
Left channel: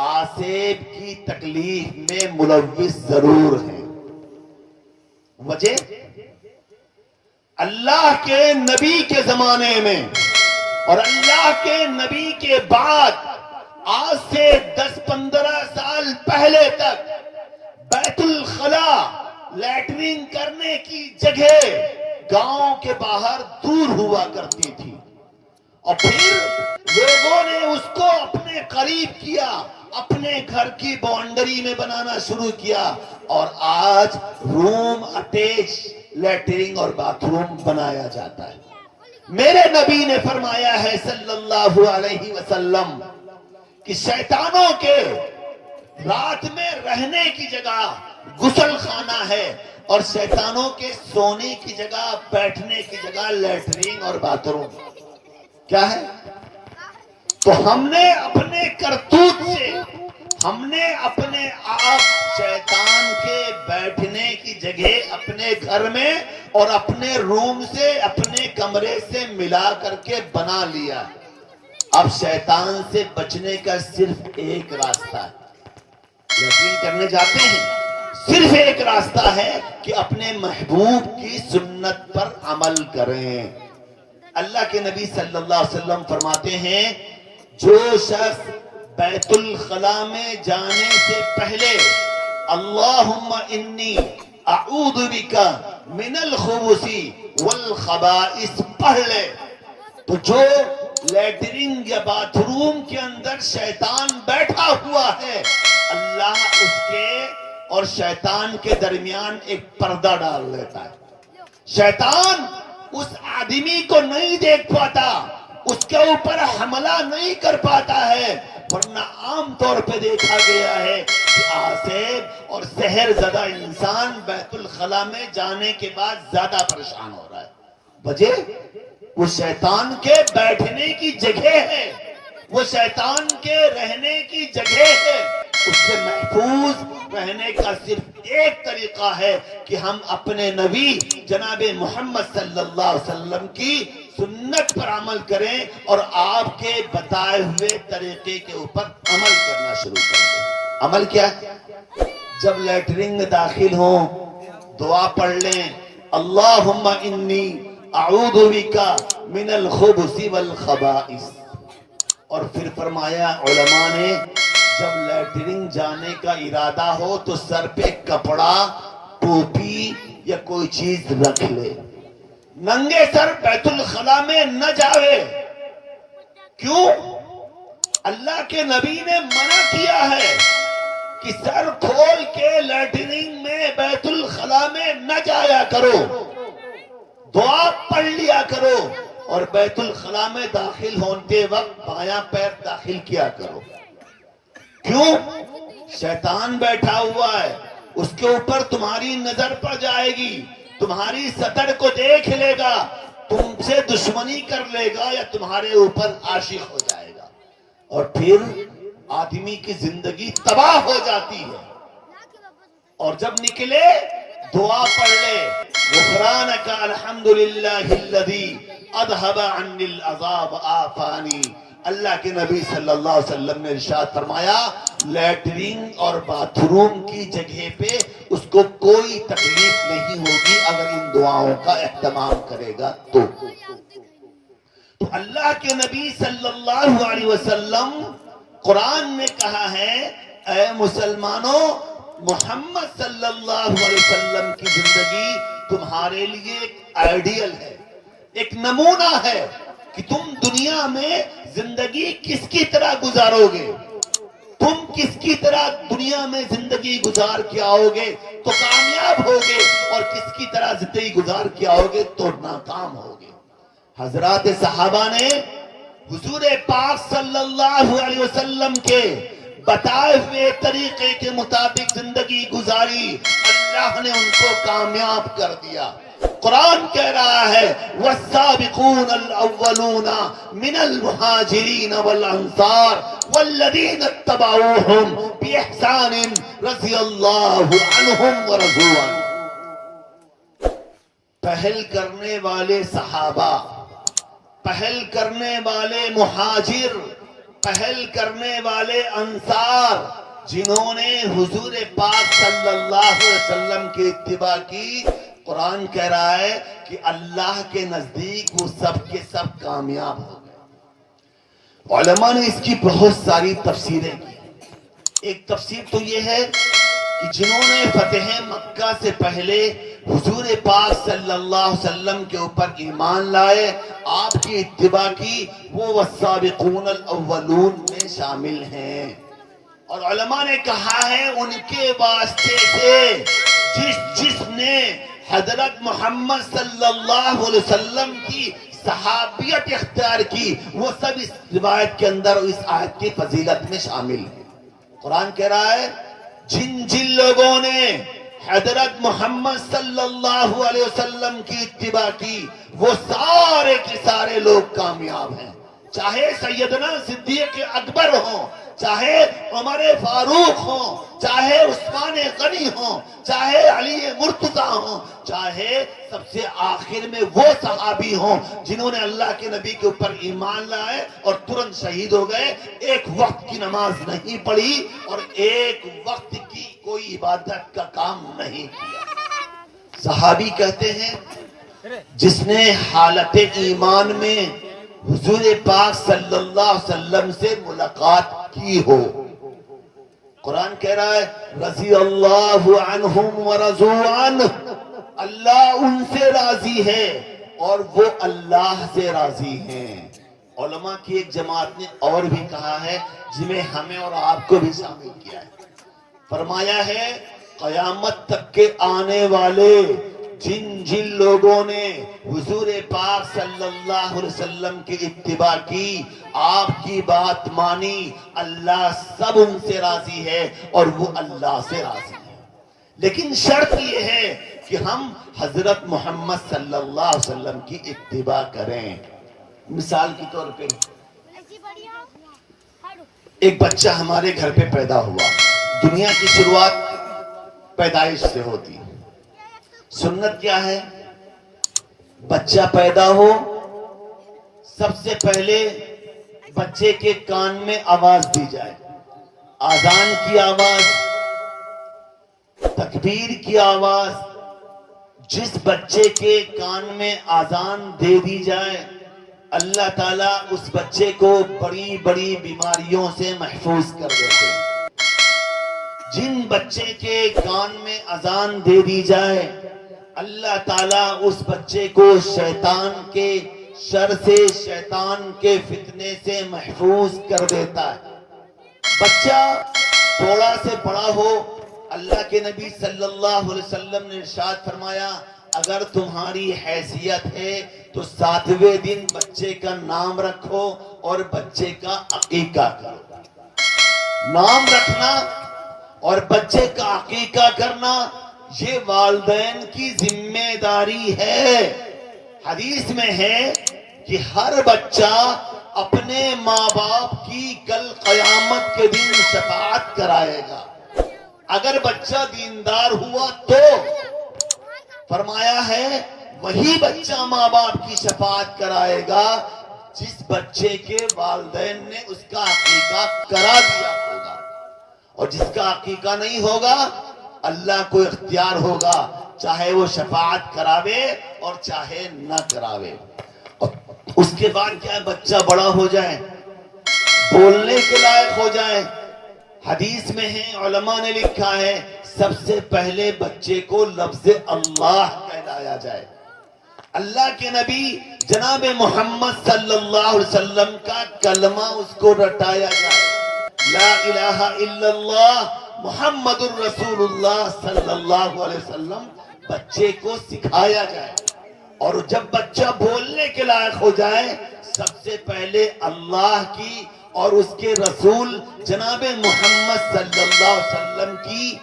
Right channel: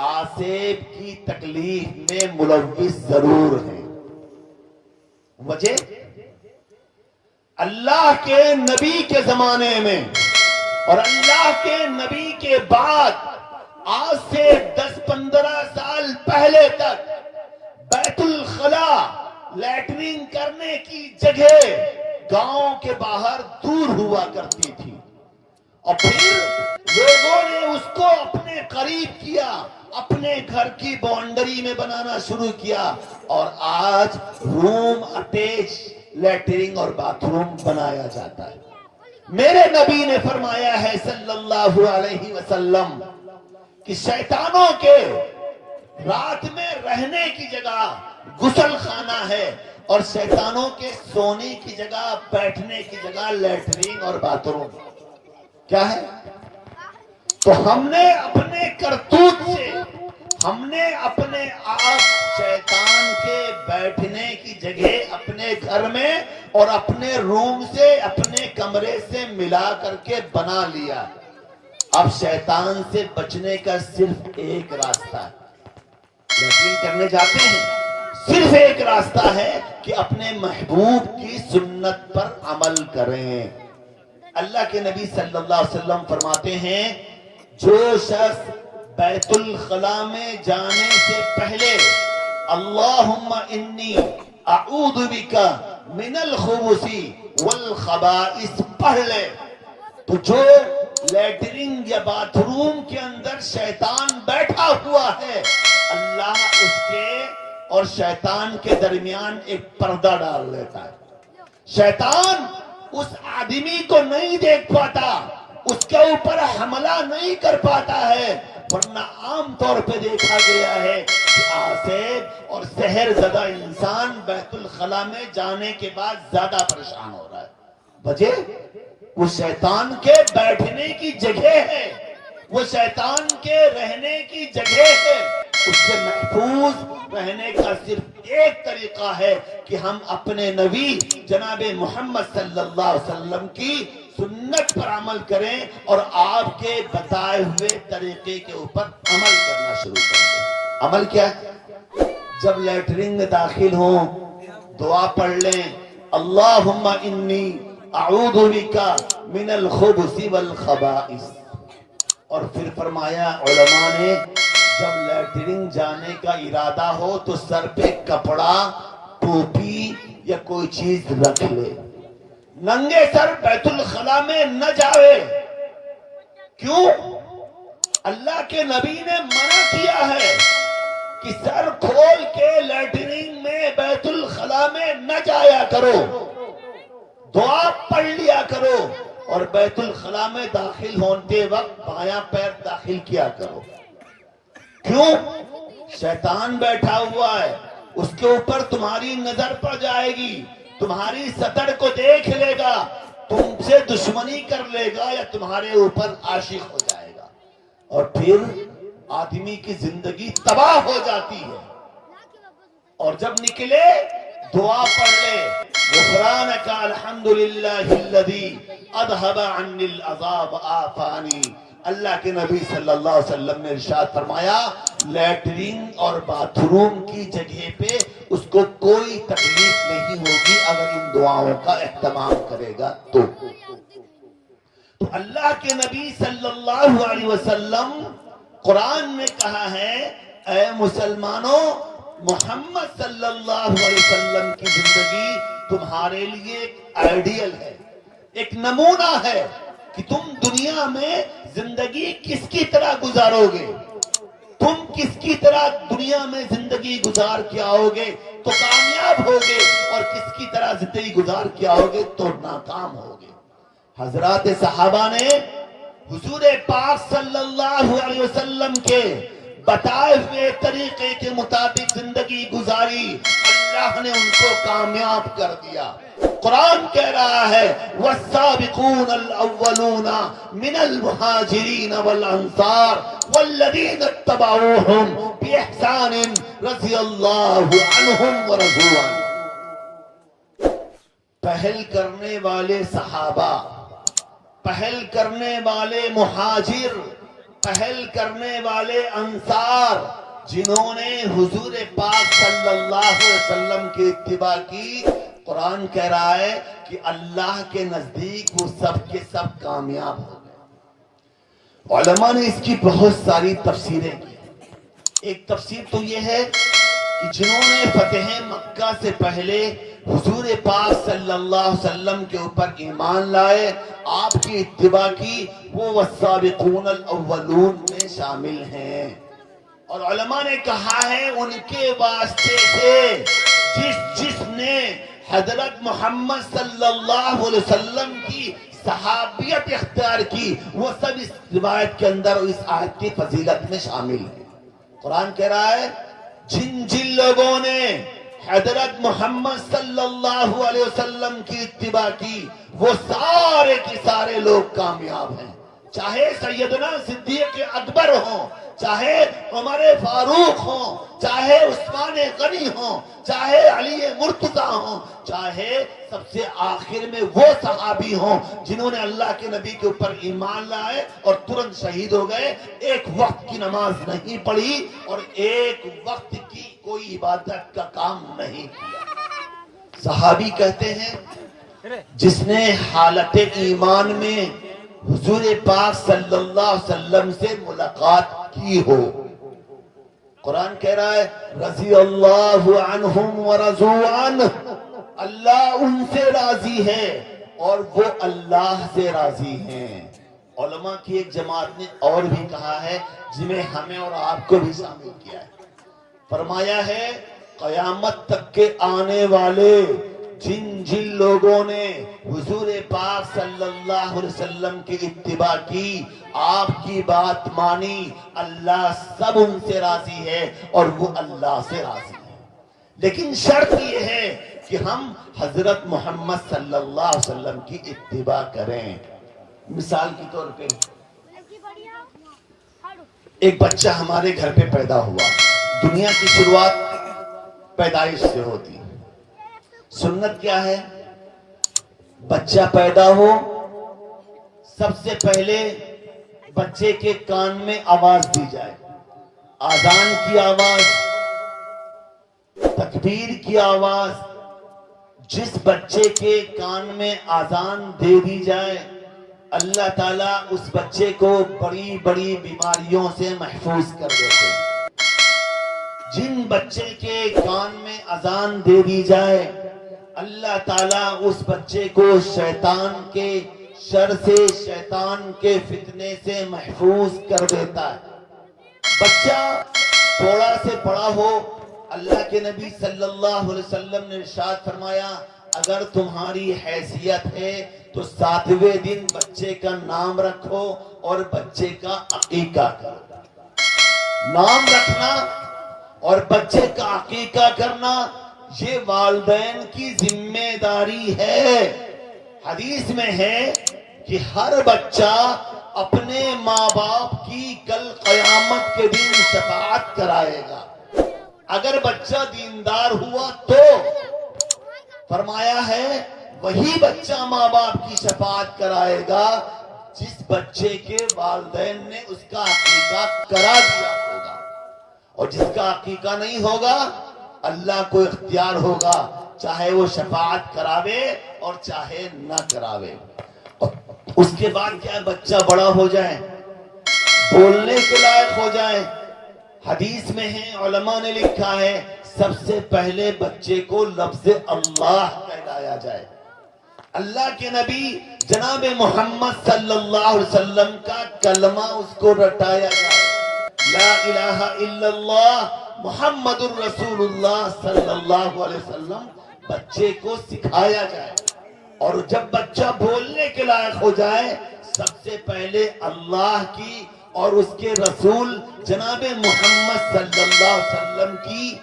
آسیب کی تکلیف میں ملوث ضرور ہیں۔ وجہ اللہ کے نبی کے زمانے میں اور اللہ کے نبی کے بعد آج سے 10-15 سال پہلے تک بیت الخلا لیٹرین کرنے کی جگہ گاؤں کے باہر دور ہوا کرتی تھی، اور پھر لوگوں نے اس کو اپنے قریب کیا، اپنے گھر کی باؤنڈری میں بنانا شروع کیا، اور آج روم اٹیچ لیٹرین اور باتھ روم بنایا جاتا ہے۔ میرے نبی نے فرمایا ہے صلی اللہ علیہ وسلم کہ شیطانوں کے رات میں رہنے کی جگہ غسل خانہ ہے، اور شیطانوں کے سونے کی جگہ، بیٹھنے کی جگہ لیٹرین اور باتھ روم کیا ہے؟ تو ہم نے اپنے کرتوت سے، ہم نے اپنے آپ شیطان کے بیٹھنے کی جگہ اپنے گھر میں اور اپنے روم سے، اپنے کمرے سے ملا کر کے بنا لیا۔ اب شیطان سے بچنے کا صرف ایک راستہ ہے، یقین کرنے جاتے ہیں، صرف ایک راستہ ہے کہ اپنے محبوب کی سنت پر عمل کریں۔ اللہ کے نبی صلی اللہ علیہ وسلم فرماتے ہیں، جو شخص بیت الخلا میں جانے سے پہلے اللہم انی اعوذ بک من الخبث والخبائث پڑھ لے، تو جو لیٹرنگ یا باتھ روم کے اندر شیطان بیٹھا ہوا ہے، اللہ اس کے اور شیطان کے درمیان ایک پردہ ڈال دیتا ہے۔ شیطان اس آدمی کو نہیں دیکھ پاتا، اس کے اوپر حملہ نہیں کر پاتا ہے، ورنہ عام طور پہ دیکھا گیا ہے کہ آصف اور سحر زدہ انسان بیت الخلا میں جانے کے بعد زیادہ پریشان ہو رہا ہے۔ وجہ وہ شیطان کے بیٹھنے کی جگہ ہے، وہ شیطان کے رہنے کی جگہ ہے۔ اس سے محفوظ رہنے کا صرف ایک طریقہ ہے کہ ہم اپنے نبی جناب محمد صلی اللہ علیہ وسلم کی سنت پر عمل کریں اور آپ کے بتائے ہوئے طریقے کے اوپر عمل کرنا شروع کر دیں۔ عمل کیا ہے؟ جب لیٹرنگ میں داخل ہوں دعا پڑھ لیں، اللہم انی اعوذ بک من الخبث والخبائث، اور پھر فرمایا علماء نے جب لیٹرنگ جانے کا ارادہ ہو تو سر پہ کپڑا، ٹوپی یا کوئی چیز رکھ لے، ننگے سر بیت الخلا میں نہ جاوے۔ کیوں؟ اللہ کے نبی نے منع کیا ہے کہ سر کھول کے لیٹرنگ میں بیت الخلا میں نہ جایا کرو، دعا پڑھ لیا کرو، اور بیت الخلا میں داخل ہوتے وقت بایاں پیر داخل کیا کرو۔ کیوں؟ شیطان بیٹھا ہوا ہے، اس کے اوپر تمہاری نظر پڑ جائے گی، تمہاری سطر کو دیکھ لے گا، تم سے دشمنی کر لے گا یا تمہارے اوپر عاشق ہو جائے گا، اور پھر آدمی کی زندگی تباہ ہو جاتی ہے۔ اور جب نکلے دعا پڑھ لے، غفرانک الحمدللہ الذی اذھب عنی العذاب آفانی۔ اللہ کے نبی صلی اللہ علیہ وسلم نے ارشاد فرمایا، لیٹرنگ اور باتھ روم کی جگہ پہ اس کو کوئی تکلیف نہیں ہوگی اگر ان دعاؤں کا اہتمام کرے گا تو اللہ کے نبی صلی اللہ علیہ وسلم قرآن میں کہا ہے، اے مسلمانوں، محمد صلی اللہ علیہ وسلم کی زندگی تمہارے لیے ایک آئیڈیل ہے، ایک نمونہ ہے کہ تم دنیا میں زندگی کس کی طرح گزارو گے، تم کس کی طرح دنیا میں زندگی گزار کے آؤ گے تو کامیاب ہوگے، اور کس کی طرح زندگی گزار کے آؤ گے تو ناکام ہوگے۔ حضرات صحابہ نے حضور پاک صلی اللہ علیہ وسلم کے بتائے ہوئے طریقے کے مطابق زندگی گزاری، اللہ نے ان کو کامیاب کر دیا۔ قرآن کہہ رہا ہے، والسابقون الاولون من المہاجرین والانصار والذین اتبعوہم باحسان رضی اللہ عنہم ورضوا عنہ۔ پہل کرنے والے صحابہ، پہل کرنے والے مہاجر، پہل کرنے والے انصار، جنہوں نے حضور پاک صلی اللہ علیہ وسلم کی اتباع کی، قرآن کہہ رہا ہے کہ اللہ کے نزدیک وہ سب کے سب کامیاب ہو گئے۔ علماء نے اس کی بہت ساری تفسیریں کی۔ ایک تفسیر تو یہ ہے کہ جنہوں نے فتح مکہ سے پہلے حضور پاک صلی اللہ علیہ وسلم کے اوپر ایمان لائے، آپ کی اتباع کی، وہ والسابقون الاولون میں شامل ہیں۔ اور علماء نے کہا ہے ان کے واسطے سے جس نے حضرت محمد صلی اللہ علیہ وسلم کی صحابیت اختیار کی، وہ سب اس روایت کے اندر اور اس آیت کی فضیلت میں شامل ہیں۔ قرآن کہہ رہا ہے جن جن لوگوں نے حضرت محمد صلی اللہ علیہ وسلم کی اتباع کی وہ سارے کے سارے لوگ کامیاب ہیں، چاہے سیدنا صدیق اکبر ہوں، چاہے عمر فاروق ہوں، چاہے عثمان غنی ہوں، چاہے علی مرتضی ہوں، چاہے سب سے آخر میں وہ صحابی ہوں جنہوں نے اللہ کے نبی کے اوپر ایمان لائے اور ترنت شہید ہو گئے، ایک وقت کی نماز نہیں پڑھی اور ایک وقت کی کوئی عبادت کا کام نہیں کیا۔ صحابی کہتے ہیں جس نے حالت ایمان میں حضور پاک صلی اللہ علیہ وسلم سے ملاقات کی ہو، قرآن کہہ رہا ہے رضی اللہ عنہم ورضوا عنہ، اللہ ان سے راضی ہے اور وہ اللہ سے راضی ہیں۔ علماء کی ایک جماعت نے اور بھی کہا ہے جس میں ہمیں اور آپ کو بھی شامل کیا ہے، فرمایا ہے قیامت تک کے آنے والے جن جن لوگوں نے حضور پاک صلی اللہ علیہ وسلم کی اتباع کی، آپ کی بات مانی، اللہ سب ان سے راضی ہے اور وہ اللہ سے راضی ہے، لیکن شرط یہ ہے کہ ہم حضرت محمد صلی اللہ علیہ وسلم کی اتباع کریں۔ مثال کے طور پہ ایک بچہ ہمارے گھر پہ پیدا ہوا، دنیا کی شروعات پیدائش سے ہوتی، سنت کیا ہے؟ بچہ پیدا ہو سب سے پہلے بچے کے کان میں آواز دی جائے، اذان کی آواز، تکبیر کی آواز، جس بچے کے کان میں اذان دے دی جائے اللہ تعالیٰ اس بچے کو بڑی بڑی بیماریوں سے محفوظ کر دیتے ہیں۔ جن بچے کے کان میں اذان دے دی جائے اللہ تعالیٰ اس بچے کو شیطان کے شر سے، شیطان کے فتنے سے محفوظ کر دیتا ہے۔ بچہ تھوڑا سے بڑا ہو، اللہ کے نبی صلی اللہ علیہ وسلم نے ارشاد فرمایا اگر تمہاری حیثیت ہے تو 7ویں دن بچے کا نام رکھو اور بچے کا عقیقہ کرو۔ نام رکھنا اور بچے کا عقیقہ کرنا یہ والدین کی ذمہ داری ہے۔ حدیث میں ہے کہ ہر بچہ اپنے ماں باپ کی کل قیامت کے دن شفاعت کرائے گا۔ اگر بچہ دیندار ہوا تو فرمایا ہے وہی بچہ ماں باپ کی شفاعت کرائے گا جس بچے کے والدین نے اس کا عقیقہ کرا دیا ہوگا، اور جس کا عقیقہ نہیں ہوگا اللہ کو اختیار ہوگا چاہے وہ شفاعت کراوے اور چاہے نہ کراوے۔ اس کے بعد کیا بچہ بڑا ہو جائے، بولنے کے لائق ہو جائے، حدیث میں ہے علماء نے لکھا ہے سب سے پہلے بچے کو لفظ اللہ کہلایا جائے، اللہ کے نبی جناب محمد صلی اللہ علیہ وسلم کا کلمہ اس کو رٹایا جائے، لا الہ الا اللہ محمد الرسول اللہ صلی اللہ علیہ وسلم بچے کو سکھایا جائے، اور جب بچہ بولنے کے لائق ہو جائے سب سے پہلے اللہ کی اور اس کے رسول جناب محمد صلی اللہ علیہ وسلم کی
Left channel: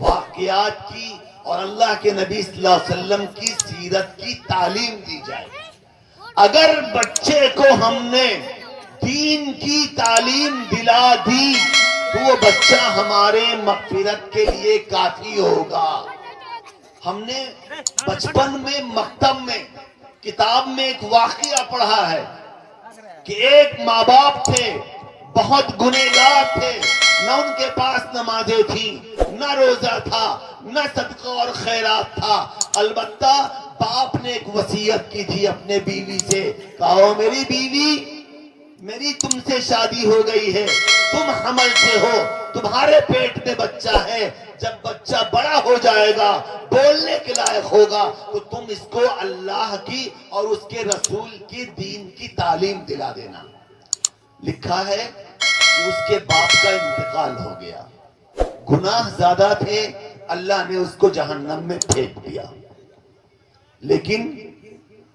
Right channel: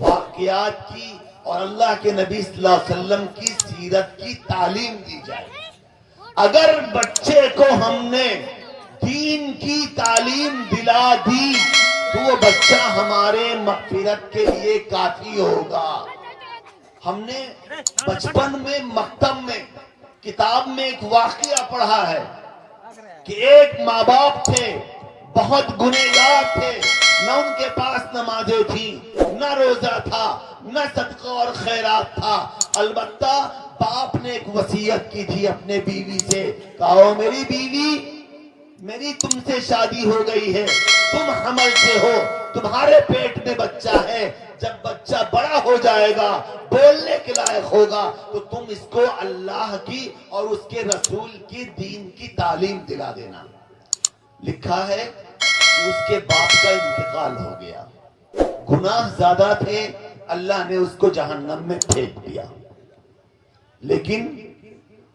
واقعات کی اور اللہ کے نبی صلی اللہ علیہ وسلم کی سیرت کی تعلیم دی جائے۔ اگر بچے کو ہم نے دین کی تعلیم دلا دی تو وہ بچہ ہمارے مغفرت کے لیے کافی ہوگا۔ ہم نے بچپن میں مکتب میں کتاب میں ایک واقعہ پڑھا ہے کہ ایک ماں باپ تھے، بہت گنہگار تھے، نہ ان کے پاس نمازیں تھیں، نہ روزہ تھا، نہ صدقہ اور خیرات تھا، البتہ باپ نے ایک وصیت کی تھی اپنے بیوی سے، کہا میری بیوی میری تم سے شادی ہو گئی ہے، تم حمل سے ہو، تمہارے پیٹ میں بچہ ہے، جب بچہ بڑا ہو جائے گا بولنے کے لائق ہوگا تو تم اس کو اللہ کی اور اس کے رسول کی دین کی تعلیم دلا دینا۔ لکھا ہے اس کے باپ کا انتقال ہو گیا، گناہ زیادہ تھے، اللہ نے اس کو جہنم میں پھینک دیا، لیکن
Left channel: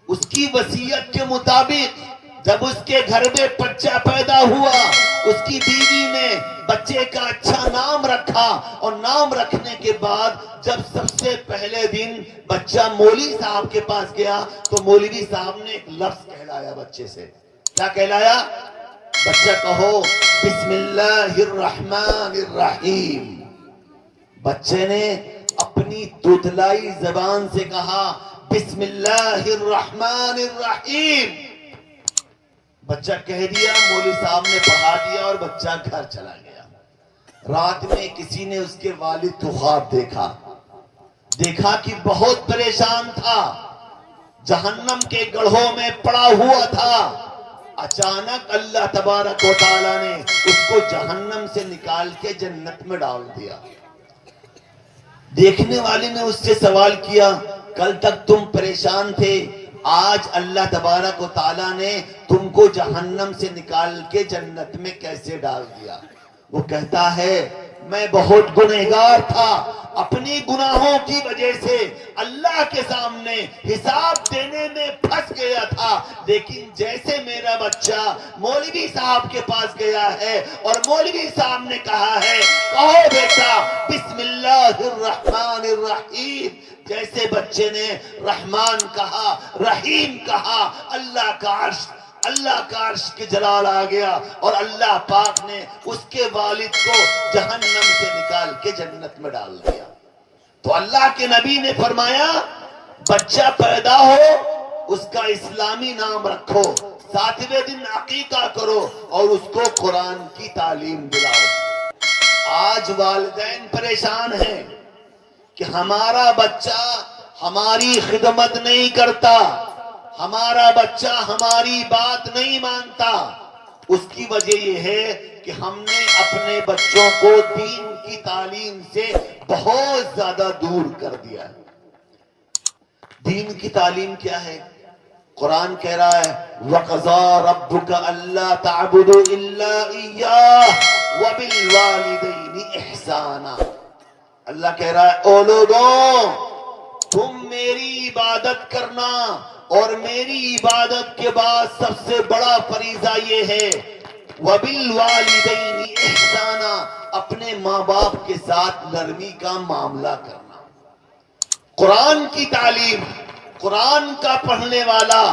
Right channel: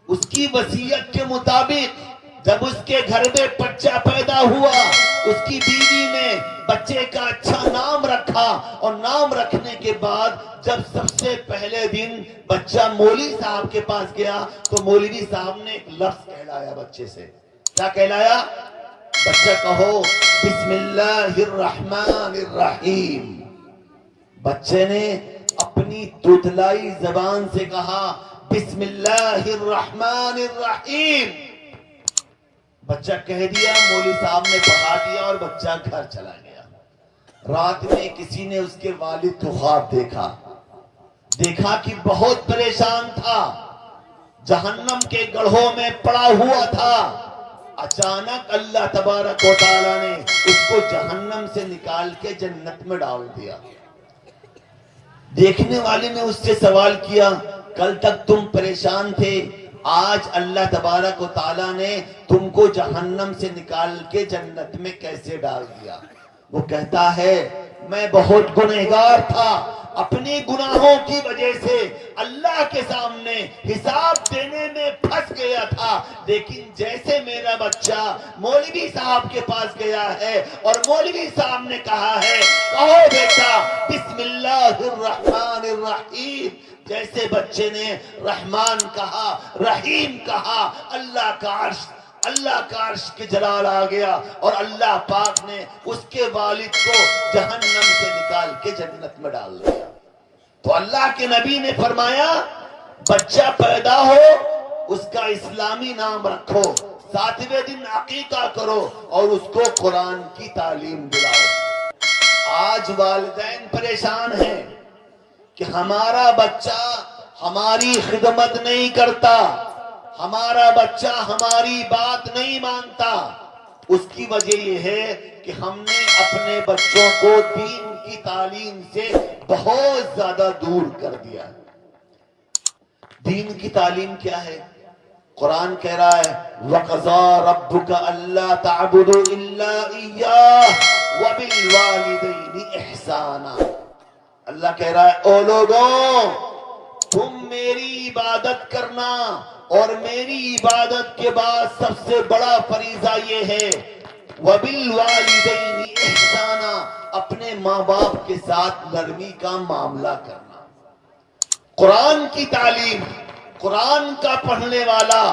اس کی وصیت کے مطابق جب اس کے گھر میں بچہ پیدا ہوا اس کی بیوی نے بچے کا اچھا نام رکھا، اور نام رکھنے کے بعد جب سب سے پہلے دن بچہ مولوی صاحب کے پاس گیا تو مولوی صاحب نے ایک لفظ کہلایا بچے سے. کیا کہلایا؟ بچہ کہو بسم اللہ الرحمن الرحیم. بچے نے اپنی دودلائی زبان سے کہا بسم اللہ الرحمن الرحیم. بچہ کہہ دیا، مولوی صاحب نے پڑھا دیا اور بچہ گھر چلا گیا. رات میں کسی نے اس کے والد کو خواب دیکھا کہ بہت پریشان تھا، جہنم کے گڑھوں میں پڑا ہوا تھا. اچانک اللہ تبارک و تعالیٰ نے اس کو جہنم سے نکال کے جنت میں ڈال دیا. دیکھنے والے نے اس سے سوال کیا، کل تک تم پریشان تھے، آج اللہ تبارک و تعالیٰ نے تم کو جہنم سے نکال کے جنت میں کیسے ڈال دیا؟ وہ کہتا ہے میں بہت گنہگار تھا، اپنی گناہوں کی وجہ سے اللہ کے سامنے حساب دینے میں پھنس گیا تھا، لیکن جیسے میرا بچہ مولوی صاحب کے پاس گیا ہے اور مولوی صاحب نے کہا ہے کہو بیٹا بسم اللہ الرحمن الرحیم، جیسے بچے نے رحمان کہا رحیم کہا، اللہ کا عرش کے جلال آ گیا اور اللہ پاک نے اس کے والد کو جہنم سے نکال کے جنت میں ڈال دیا. تو اللہ کے نبی نے فرمایا بچہ پیدا ہو اس کا اسلامی نام رکھو، 7ویں دن عقیقہ کرو اور اس کو قرآن کی تعلیم دلاؤ. آج والدین پریشان ہیں کہ ہمارا بچہ ہماری خدمت نہیں کرتا، ہمارا بچہ ہماری بات نہیں مانتا. اس کی وجہ یہ ہے کہ ہم نے اپنے بچوں کو دین کی تعلیم سے بہت زیادہ دور کر دیا. دین کی تعلیم کیا ہے؟ قرآن کہہ رہا ہے وَقَضَىٰ رَبُّكَ أَلَّا تَعْبُدُوا إِلَّا إِيَّاهُ وَبِالْوَالِدَيْنِ إِحْسَانًا. اللہ کہہ رہا ہے او لوگوں تم میری عبادت کرنا، اور میری عبادت کے بعد سب سے بڑا فریضہ یہ ہے وَبِالْوَالِدَيْنِ إِحْسَانًا، اپنے ماں باپ کے ساتھ نرمی کا معاملہ کرنا. قرآن کی تعلیم، قرآن کا پڑھنے والا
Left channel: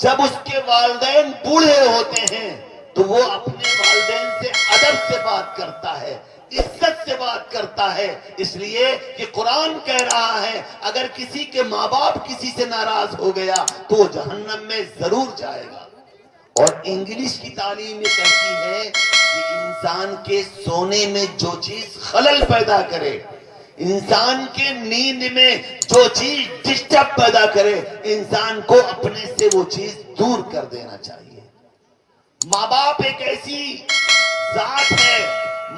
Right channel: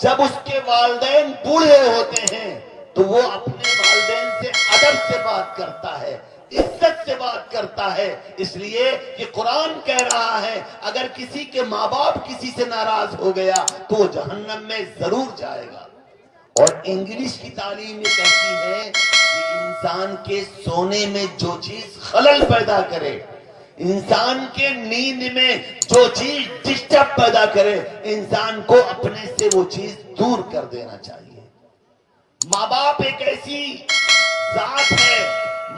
جب اس کے والدین بوڑھے ہوتے ہیں تو وہ اپنے والدین سے ادب سے بات کرتا ہے، عزت سے بات کرتا ہے، اس لیے کہ قرآن کہہ رہا ہے اگر کسی کے ماں باپ کسی سے ناراض ہو گیا تو وہ جہنم میں ضرور جائے گا. اور انگلش کی تعلیم یہ کہتی ہے کہ انسان کے سونے میں جو چیز خلل پیدا کرے، انسان کے نیند میں جو چیز ڈسٹرب پیدا کرے، انسان کو اپنے سے وہ چیز دور کر دینا چاہیے. ماں باپ ایک ایسی ذات ہے،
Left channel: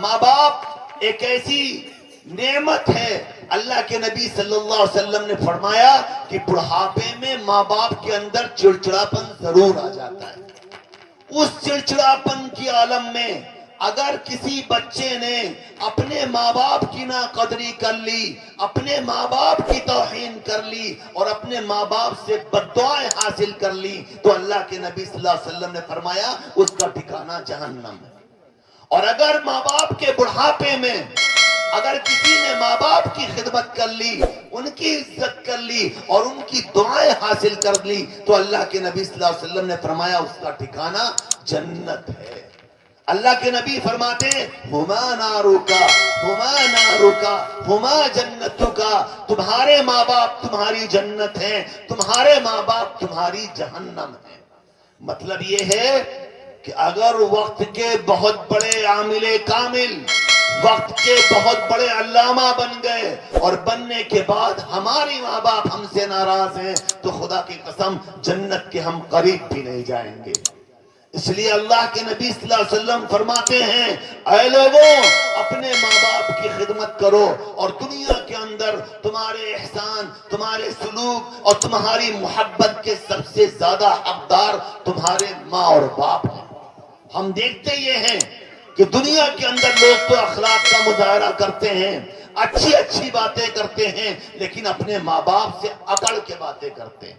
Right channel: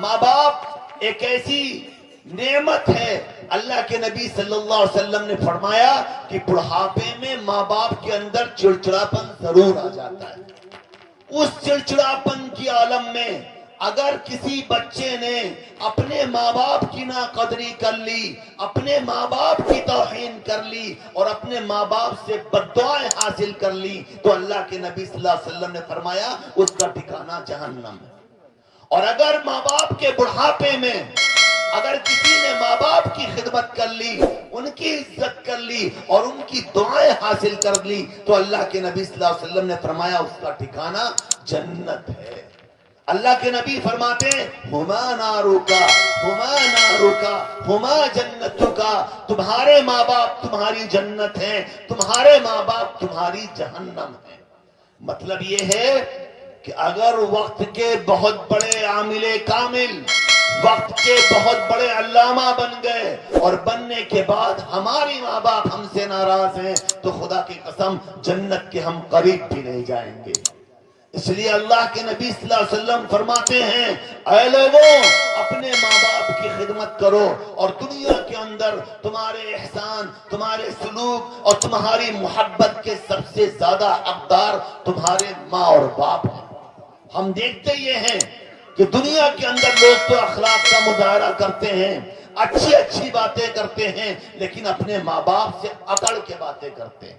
ماں باپ ایک ایسی نعمت ہے. اللہ کے نبی صلی اللہ علیہ وسلم نے فرمایا کہ بڑھاپے میں ماں باپ کے اندر چڑچڑاپن ضرور آ جاتا ہے. اس چڑچڑاپن کی عالم میں اگر کسی بچے نے اپنے ماں باپ کی ناقدری کر لی، اپنے ماں باپ کی توہین کر لی اور اپنے ماں باپ سے بددعائیں حاصل کر لی تو اللہ کے نبی صلی اللہ علیہ وسلم نے فرمایا اس کا ٹھکانہ جہنم ہے. اور اگر ماں باپ کے بڑھاپے میں اگر کسی نے ماں باپ کی خدمت کر لی، ان کی عزت کر لی اور ان کی دعائیں حاصل کر لی تو اللہ کے نبی صلی اللہ علیہ وسلم نے فرمایا اس کا ٹھکانہ جنت ہے. اللہ کے نبی فرماتے ہیں ہما ناروکا ہما ناروکا ہما جنتکا، تمہارے ماں باپ تمہاری جنت ہیں، تمہارے ماں باپ تمہاری جہنم ہیں. مطلب یہ ہے کہ اگر وقت کے بہت بڑے عامل کامل، وقت کے بہت بڑے علامہ بن گئے اور بننے کے بعد ہماری ماں باپ ہم سے ناراض ہیں تو خدا کی قسم جنت کے ہم قریب بھی نہیں جائیں گے. اس لیے اللہ کے نبی صلی اللہ علیہ وسلم فرماتے ہیں اے لوگوں اپنے ماں باپ کی خدمت کرو، اور دنیا کے اندر تمہارے احسان، تمہارے سلوک اور تمہاری محبت کے سب سے زیادہ حقدار تمہارے ماں اور باپ ہیں. ہم دیکھتے یہ ہیں کہ دنیا کے اندر لوگ تو اخلاق کا مظاہرہ کرتے ہیں، اچھی اچھی باتیں کرتے ہیں، لیکن اپنے ماں باپ سے اکڑ کے باتیں کرتے ہیں.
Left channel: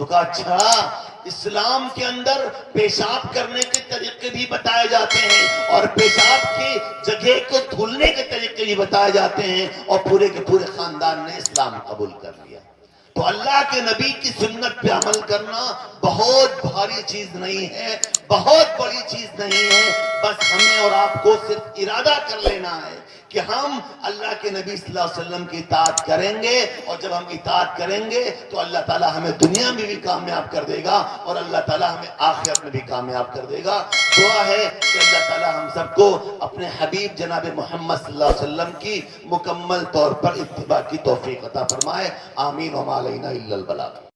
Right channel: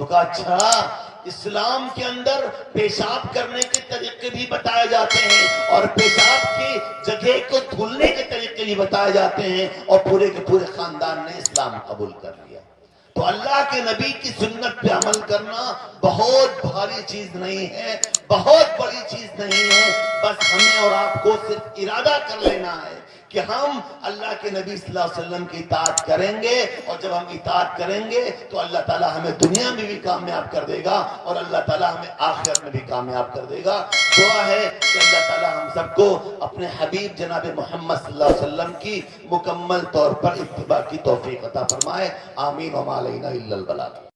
تو کہا اچھا اسلام کے اندر پیشاب کرنے کے طریقے بھی بتائے جاتے ہیں اور پیشاب کی جگہ کو دھلنے کے طریقے بھی بتائے جاتے ہیں، اور پورے کے پورے خاندان نے اسلام قبول کر لیا۔ تو اللہ کے نبی کی سنت پہ عمل کرنا بہت بھاری چیز نہیں ہے، بہت بڑی چیز نہیں ہے، بس ہمیں اور آپ کو صرف ارادہ کر لینا ہے کہ ہم اللہ کے نبی صلی اللہ علیہ وسلم کی اطاعت کریں گے، اور جب ہم اطاعت کریں گے تو اللہ تعالیٰ ہمیں دنیا میں بھی کامیاب کر دے گا اور اللہ تعالیٰ ہمیں آخرت میں بھی کامیاب کر دے گا۔ دعا ہے کہ اللہ تعالیٰ ہم سب کو اپنے حبیب جناب محمد صلی اللہ علیہ وسلم کی مکمل طور پر اتباع کی توفیق عطا فرمائے۔ آمین وما علینا الا البلاغ۔